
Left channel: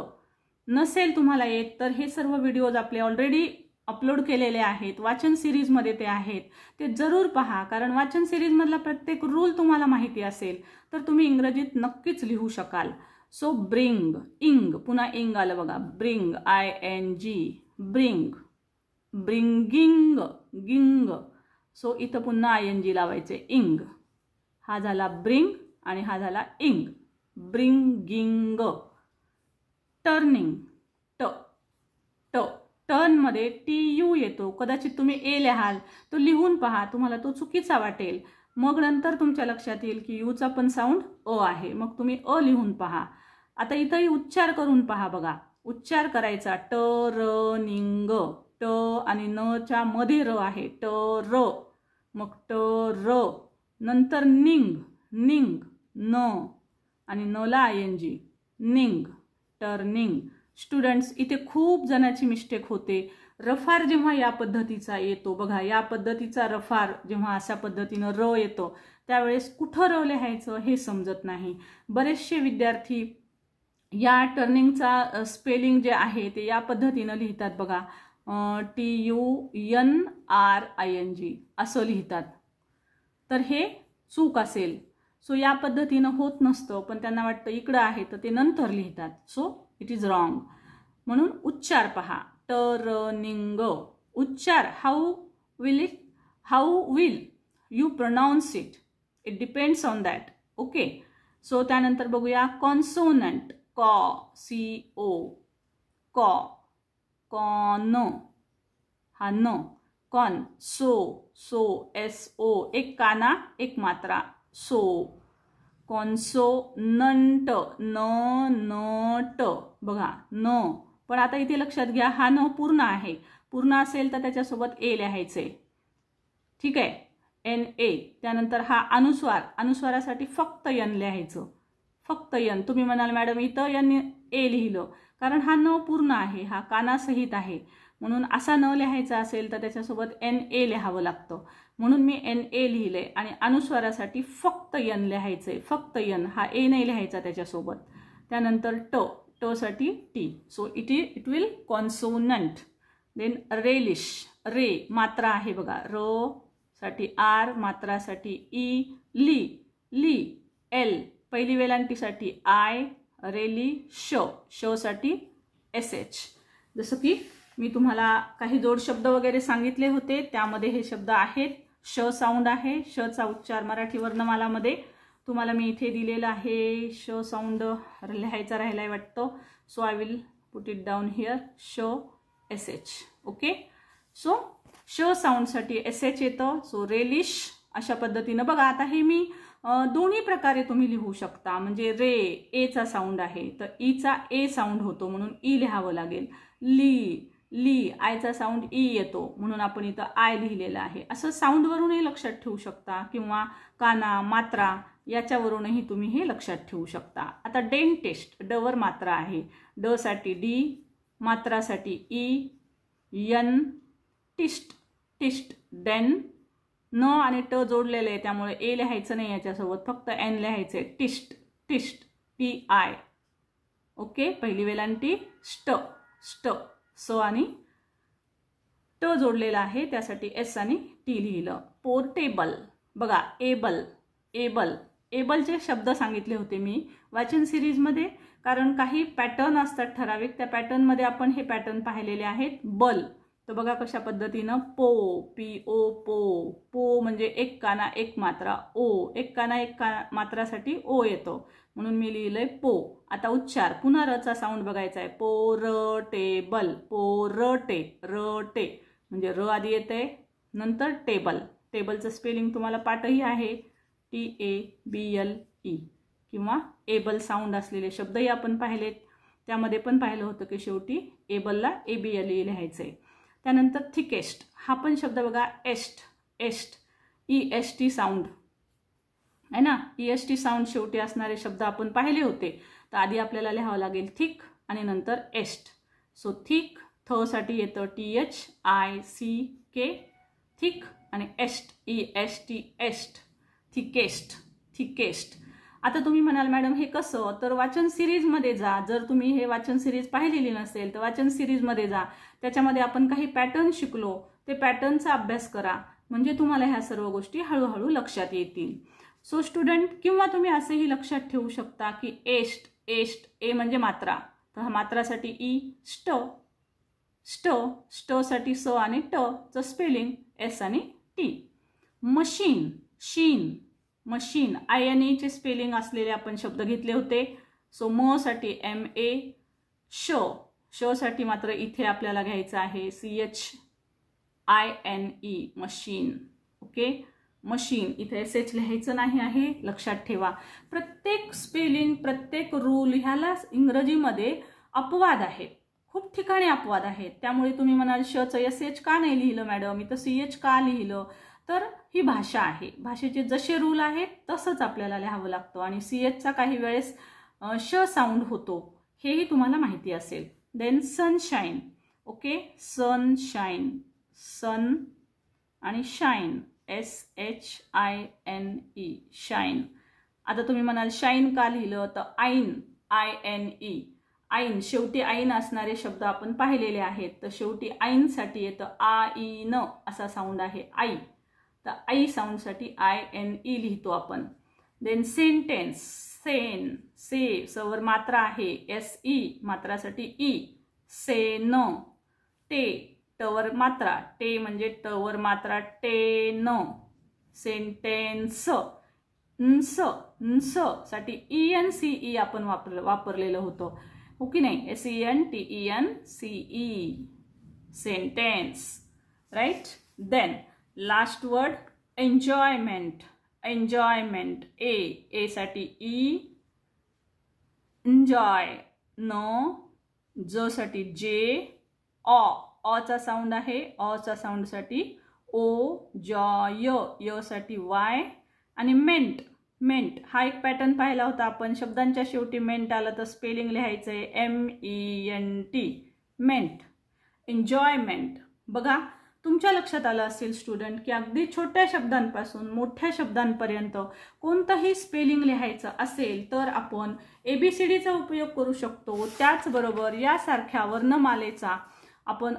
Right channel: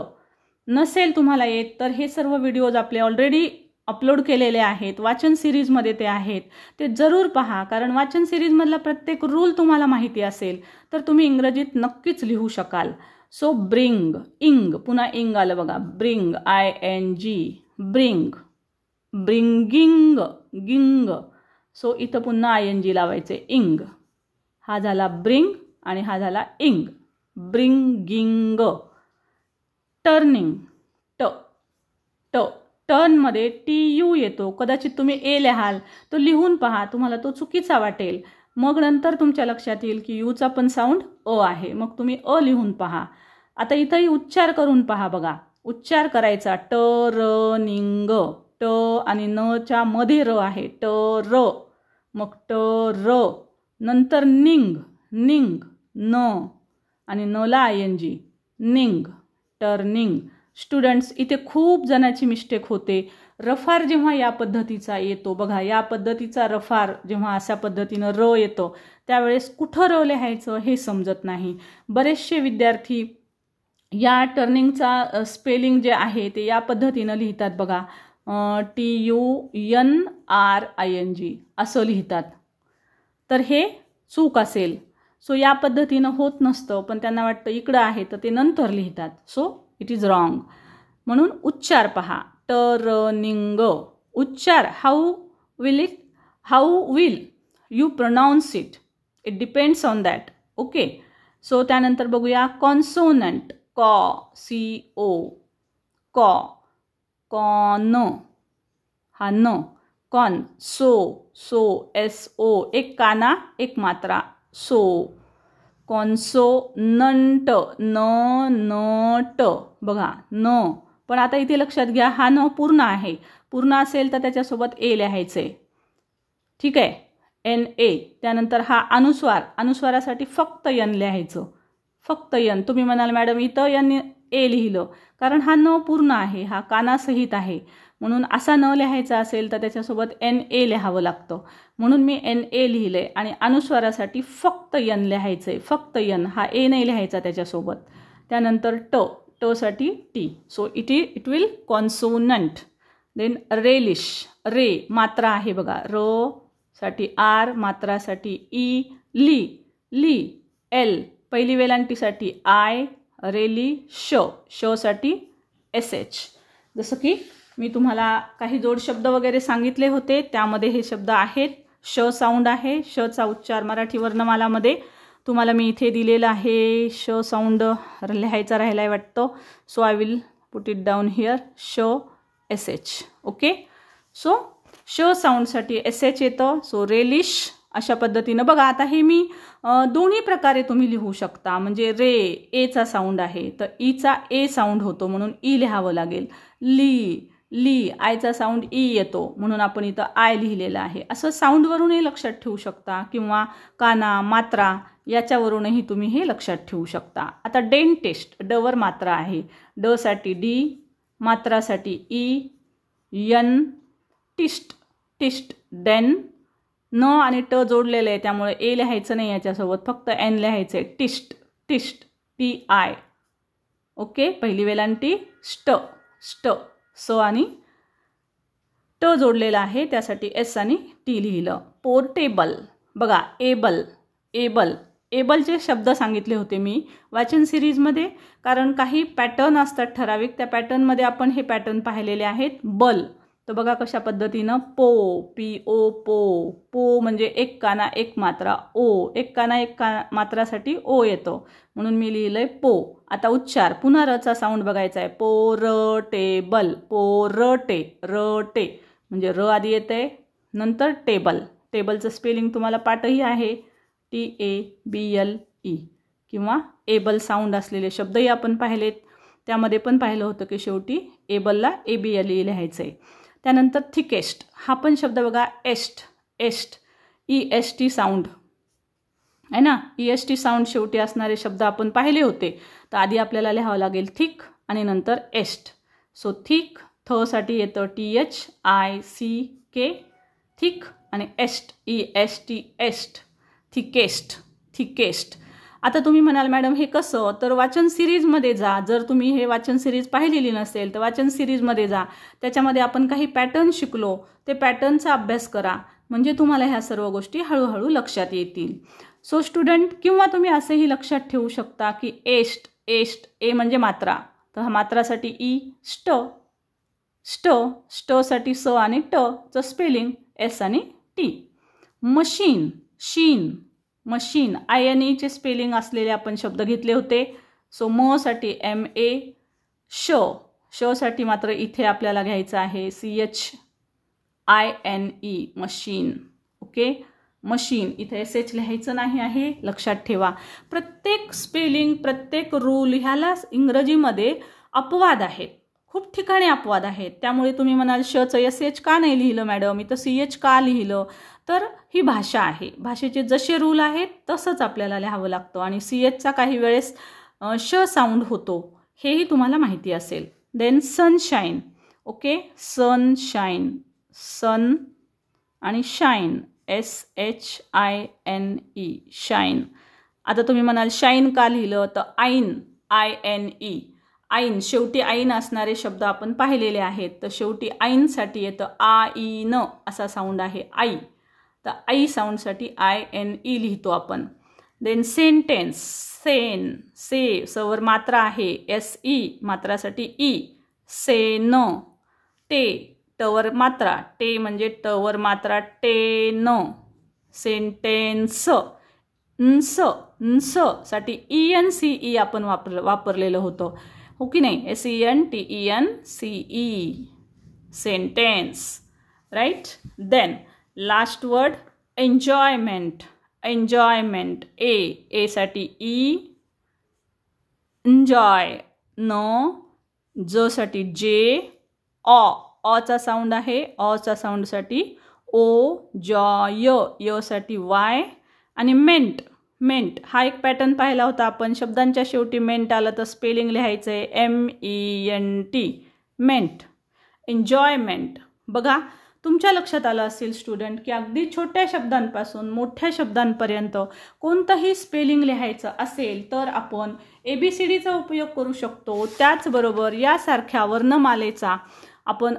नसेल तुम्हाला येत तर हे सर्व व्हिडिओज आपले ऑलरेडी अपलोड केलेले आहेत. वाचन सिरीजमध्ये ते आहेत, ते जरूर पहा. कारण वाचन सिरीजमधला प्रत्येक रूल तुम्हाला माहिती असेल तर तुम्ही इंग्रजीत नक्कीच लिहू शकाल. सो ब्रिंग, इंग, पुन्हा इंग आलं बघा. ब्रिंग, ING, ब्रिंग, ब्रिंगिंग, गिंग. सो इथं पुन्हा ING लावायचे, इंग. हा झाला ब्रिंग आणि हा झाला इंग. ब्रिंगिंग. टर्निंग, ट, ट, टर्नमध्ये TU येतो. कदाचित तुम्ही ए लिहाल, तो लिहून पहा, तुम्हाला तो चुकीचा वाटेल. मग नंतर तुमच्या लक्षात येईल की यूचा पण साऊंड अ आहे, मग तुम्ही अ लिहून पहा. आता इथंही उच्चार करून पहा बघा. उच्चार करायचा टर्निंग, ट आणि नच्या मध्ये र आहे, टर. मग टर. नंतर निंग, निंग, न आणि नला ING, निंग, टर्निंग. स्टुडंट्स इथे खूप जणांची मिस्टेक होते. रफार जेव्हा या पद्धतीचा येतो बघा, या पद्धतीचा रफार जेव्हा अशा पद्धतीनं र येतो त्यावेळेस कुठं र लिहायचं हे समजत नाही. बरेचसे विद्यार्थी या टर्निंगचा स्पेलिंग जे आहे ते या पद्धतीनं लिहितात बघा. TUNRING असं लिहितात, तर हे चूक असेल. सो या पद्धतीनं होत नसतं, पण त्यांना वाटतं इकडं आहे तर ते नंतर लिहितात. So it is wrong. म्हणून उच्चार पहा. टर्निंग. उच्चार how will you pronouns it, it depends on that. Okay. So त्यानंतर बघूया कॉन्सोनंट. कॉ, CO, कॉ, कॉन, हा न. कॉन, सो, SO, एक काना एक मात्रा, सो. कॉन्सोनंट, न, बघा न. पण आता इथे लक्षात घ्या, हा न पूर्ण आहे. पूर्ण असेल तर त्याच्यासोबत ए लिहायचे. ठीक आहे, NA. त्यानंतर हा अनुस्वार, अनुस्वारासाठी फक्त यन लिहायचं, फक्त यन. तुम्ही म्हणाल मॅडम इथं यन ए लिहिलं, कारण हा न पूर्ण आहे, हा कानासहित आहे. म्हणून असा न लिहायचा असेल तर त्याच्यासोबत NA लिहावं लागतं. म्हणून मी NA लिहिलंय आणि अनुस्वारासाठी फक्त यन लिहायचंय, फक्त यन. हा ए नाही लिहायचा त्याच्यासोबत. त्यानंतर ट, ट साठी T. So it will consonant. Then relish, रे मात्रा आहे बघा, र साठी R, मात्रासाठी E. ली, L, पहिली वेलांटीसाठी I, रेली, श साठी SH. जसं की मी तुम्हाला काही जोड शब्द वगैरे सांगितले होते, त्यामध्ये हे शब्द आहेत. श साऊंड आहे. शचा उच्चार मराठी वर्णमालामध्ये तुम्हाला मी इथे दिलेला आहे. श साऊंड लिहायचा राहिलाय वाटतं. So I will put it down here. श SH. ओके. सो श साऊंडसाठी SH येतं. सो रेलिश अशा पद्धतीनं बघा. आता हे मी दोन्ही प्रकारे तुम्ही लिहू शकता. म्हणजे रे एचा साऊंड आहे तर ईचा ए साऊंड होतो म्हणून ई लिहावं लागेल. ली आयचा साऊंड ई येतो म्हणून आपण इथं आय लिहिलेलं आहे. असं साऊंडवरूनही लक्षात ठेवू शकता किंवा काना मात्रा याच्यावरूनही तुम्ही हे लक्षात ठेवू शकता. आता डेंटिस्ट डवर मात्रा आहे. ड साठी डी, मात्रासाठी ई, यन टिस्ट डेन. न आणि ट जोडलेलं आहे त्यामुळे ए लिहायचं नाही याच्यासोबत, फक्त एन लिहायचं आहे. टिस्ट TI. ओके. पहिली वेलांटी स्ट स आणि ट जोडलेला आहे त्यासाठी S आणि T लिहिलं. पोर्टेबल बघा. एबलचे शब्द सांगितले होते मी वाचन सिरीजमध्ये, कारण काही पॅटर्न असतात ठराविक, त्या पॅटर्नमध्ये आपण हे पॅटर्न पाहिलेले आहेत. बल तर बघा कशा पद्धतीनं PO पो म्हणजे एक काना एक मात्रा. एक काना एक मात्रासाठी ओ येतो म्हणून मी लिहिलंय पो. आता उच्चार पुन्हा रचा साऊंड बघायचा आहे. पोरटेबल. पोरटे म्हणजे र आधी येते नंतर टेबलचं स्पेलिंग तुम्हाला पाठही आहे. TABLE किंवा एबल साऊंड असलेले शब्दही आपण पाहिलेत. त्यामध्ये पण पाहिलं होतं की शेवटी एबलला ABLE लिहायचं आहे. त्यानंतर थिकेस्ट हा पण शब्द बघा. EST EST साऊंड आहे ना. EST साऊंड शेवटी असणारे शब्द आपण पाहिले होते. तर आधी आपल्याला लिहावं लागेल थिक आणि नंतर एस्ट. सो थिक थ साठी येतं THICK थिक आणि EST EST थिकेस्ट. आता तुम्ही म्हणाल मॅडम हे कसं, तर वाचन सिरीजमध्ये जा. जर तुम्ही हे वाचन सिरीज पाहिलेली नसेल तर वाचन सिरीजमध्ये जा. त्याच्यामध्ये आपण काही पॅटर्न शिकलो, ते पॅटर्नचा अभ्यास करा म्हणजे तुम्हाला ह्या सर्व गोष्टी हळूहळू लक्षात येतील. सो स्टुडंट, किंवा तुम्ही असेही लक्षात ठेवू शकता की एस्ट ए म्हणजे मात्रा, तर हा मात्रासाठी ई. साठी स आणि ट चं स्पेलिंग S आणि T. मशीन INE चे स्पेलिंग असलेले आपण शब्द घेतले होते. सो म साठी MA. श साठी मात्र इथे आपल्याला घ्यायचं आहे CHINE मशीन. ओके. मशीन इथे SH लिहायचं नाही आहे, लक्षात ठेवा. प्रत्येक स्पेलिंग प्रत्येक रूल ह्याला इंग्रजीमध्ये अपवाद आहेत. खूप ठिकाणी अपवाद आहेत. त्यामुळे तुम्ही म्हणाल शचं SH का नाही लिहिलं मॅडम, इथं CH का लिहिलं, तर ही भाषा आहे. भाषेचे जसे रूल आहेत तसंच आपल्याला लिहावं लागतं आणि CHचा काही वेळेस श साऊंड होतो हेही तुम्हाला माहिती असेल. Then sunshine. Okay. Sunshine sun आणि शाईन SHINE शाईन. आता तुम्ही म्हणाल शाईन का लिहिलं, तर INE आईन शेवटी आईन असणारे शब्द आपण पाहिलेले आहेत. तर शेवटी आईनसाठी येतं आईन असा साऊंड आहे आई. तर आई साऊंडसाठी INE लिहितो आपण. Then sentence. सवर मात्रा आहे SE मात्रासाठी ई. सेन. टवर मात्रा टे म्हणजे टवर मात्रा टेन. सेंटेन्स. न्स साठी ENCE आपण वापरलेलं होतं, हो की नाही. SENTENCE sentence. Right. Then last word enjoyment. A साठी ई. एन्जॉय. ज साठी जे. चा साऊंड आहे. चा साऊंडसाठी ओ. जॉय. य साठी वाय आणि मेंट हा एक पॅटर्न पाहिला होता आपण. शब्दांच्या शेवटी मेंट आलं तर स्पेलिंग लिहायचं आहे MENT मेंट. एन्जॉयमेंट. बघा तुमच्या लक्षात आलं असेल स्टुडंट की अगदी छोट्या शब्दांपासून मोठ्या शब्दांपर्यंत कोणतंही स्पेलिंग लिहायचं असेल तर आपण ABCDचा उपयोग करू शकतो. त्याचबरोबर यासारख्या वर्णमालेचा आपण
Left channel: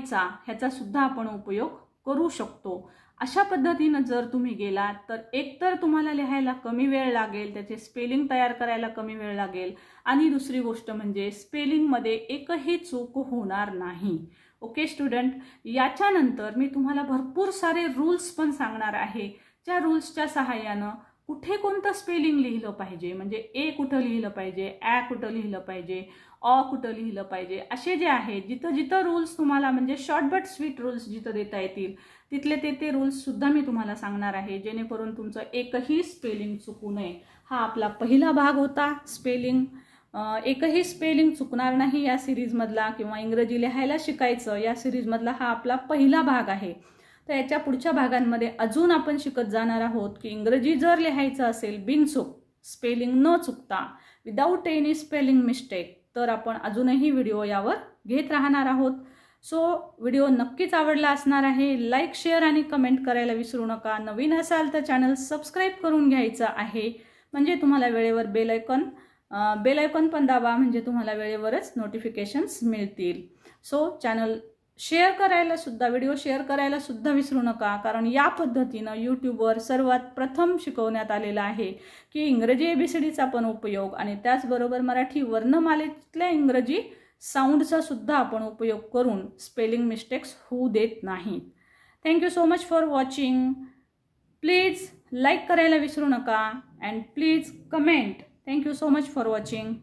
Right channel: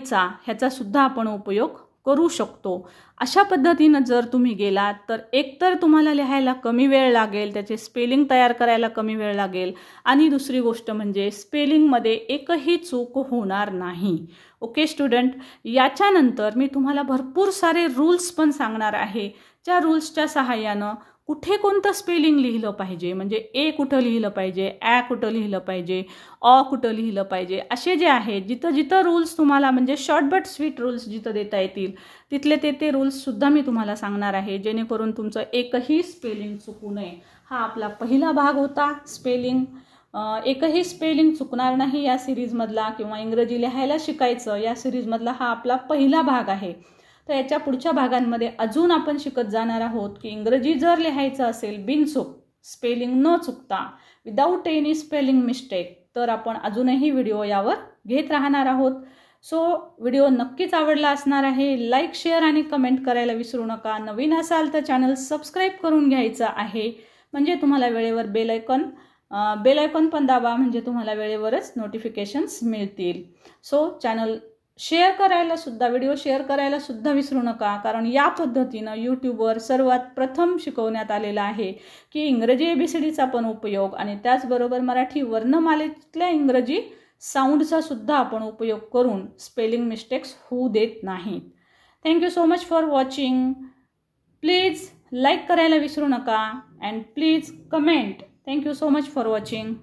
चा ह्याचा सुद्धा आपण उपयोग करू शकतो. अशा पद्धतीनं जर तुम्ही गेलात तर एकतर तुम्हाला लिहायला कमी वेळ लागेल, त्याचे स्पेलिंग तयार करायला कमी वेळ लागेल आणि दुसरी गोष्ट म्हणजे स्पेलिंगमध्ये एकही चूक होणार नाही. ओके स्टुडंट, याच्यानंतर मी तुम्हाला भरपूर सारे रूल्स पण सांगणार आहे, ज्या रूल्सच्या सहाय्यानं कुठे कोणतं स्पेलिंग लिहिलं पाहिजे, म्हणजे ए कुठं लिहिलं पाहिजे, ॲ कुठं लिहिलं पाहिजे, अ कुठं लिहिलं पाहिजे, असे जे आहेत जिथं जिथं रूल्स तुम्हाला म्हणजे शॉर्ट बट स्वीट रूल्स जिथं देता येतील तिथले ते रूल्ससुद्धा मी तुम्हाला सांगणार आहे, जेणेकरून तुमचं एकही स्पेलिंग चुकू नये. हा आपला पहिला भाग होता स्पेलिंग. एकही स्पेलिंग चुकणार नाही या सिरीजमधला, किंवा इंग्रजी लिहायला शिकायचं या सिरीजमधला हा आपला पहिला भाग आहे. तर याच्या पुढच्या भागांमध्ये अजून आपण शिकत जाणार आहोत की इंग्रजी जर लिहायचं असेल बिनचूक, स्पेलिंग न चुकता, विदाऊट एनी स्पेलिंग मिस्टेक, तर आपण अजूनही व्हिडिओ यावर घेत राहणार आहोत. सो व्हिडिओ नक्कीच आवडला असणार आहे. लाईक, शेअर आणि कमेंट करायला विसरू नका. नवीन असाल तर चॅनल सबस्क्राईब करून घ्यायचं आहे, म्हणजे तुम्हाला वेळेवर बेल आयकॉन पण दाबा, म्हणजे तुम्हाला वेळेवरच नोटिफिकेशन्स मिळतील. सो चॅनल व्हिडिओ शेअर करायला सुद्धा विसरू नका, कारण या पद्धतीनं यूट्यूबवर सर्वात प्रथम शिकवण्यात आलेला आहे की इंग्रजी ABCDचा पण उपयोग आणि त्याचबरोबर मराठी वर्णमालेतल्या इंग्रजी साऊंडचा सुद्धा आपण उपयोग करून स्पेलिंग मिस्टेक्स होऊ देत नाहीत. Thank you so much for watching. Please like करायला विसरू नका and please comment. Thank you so much for watching.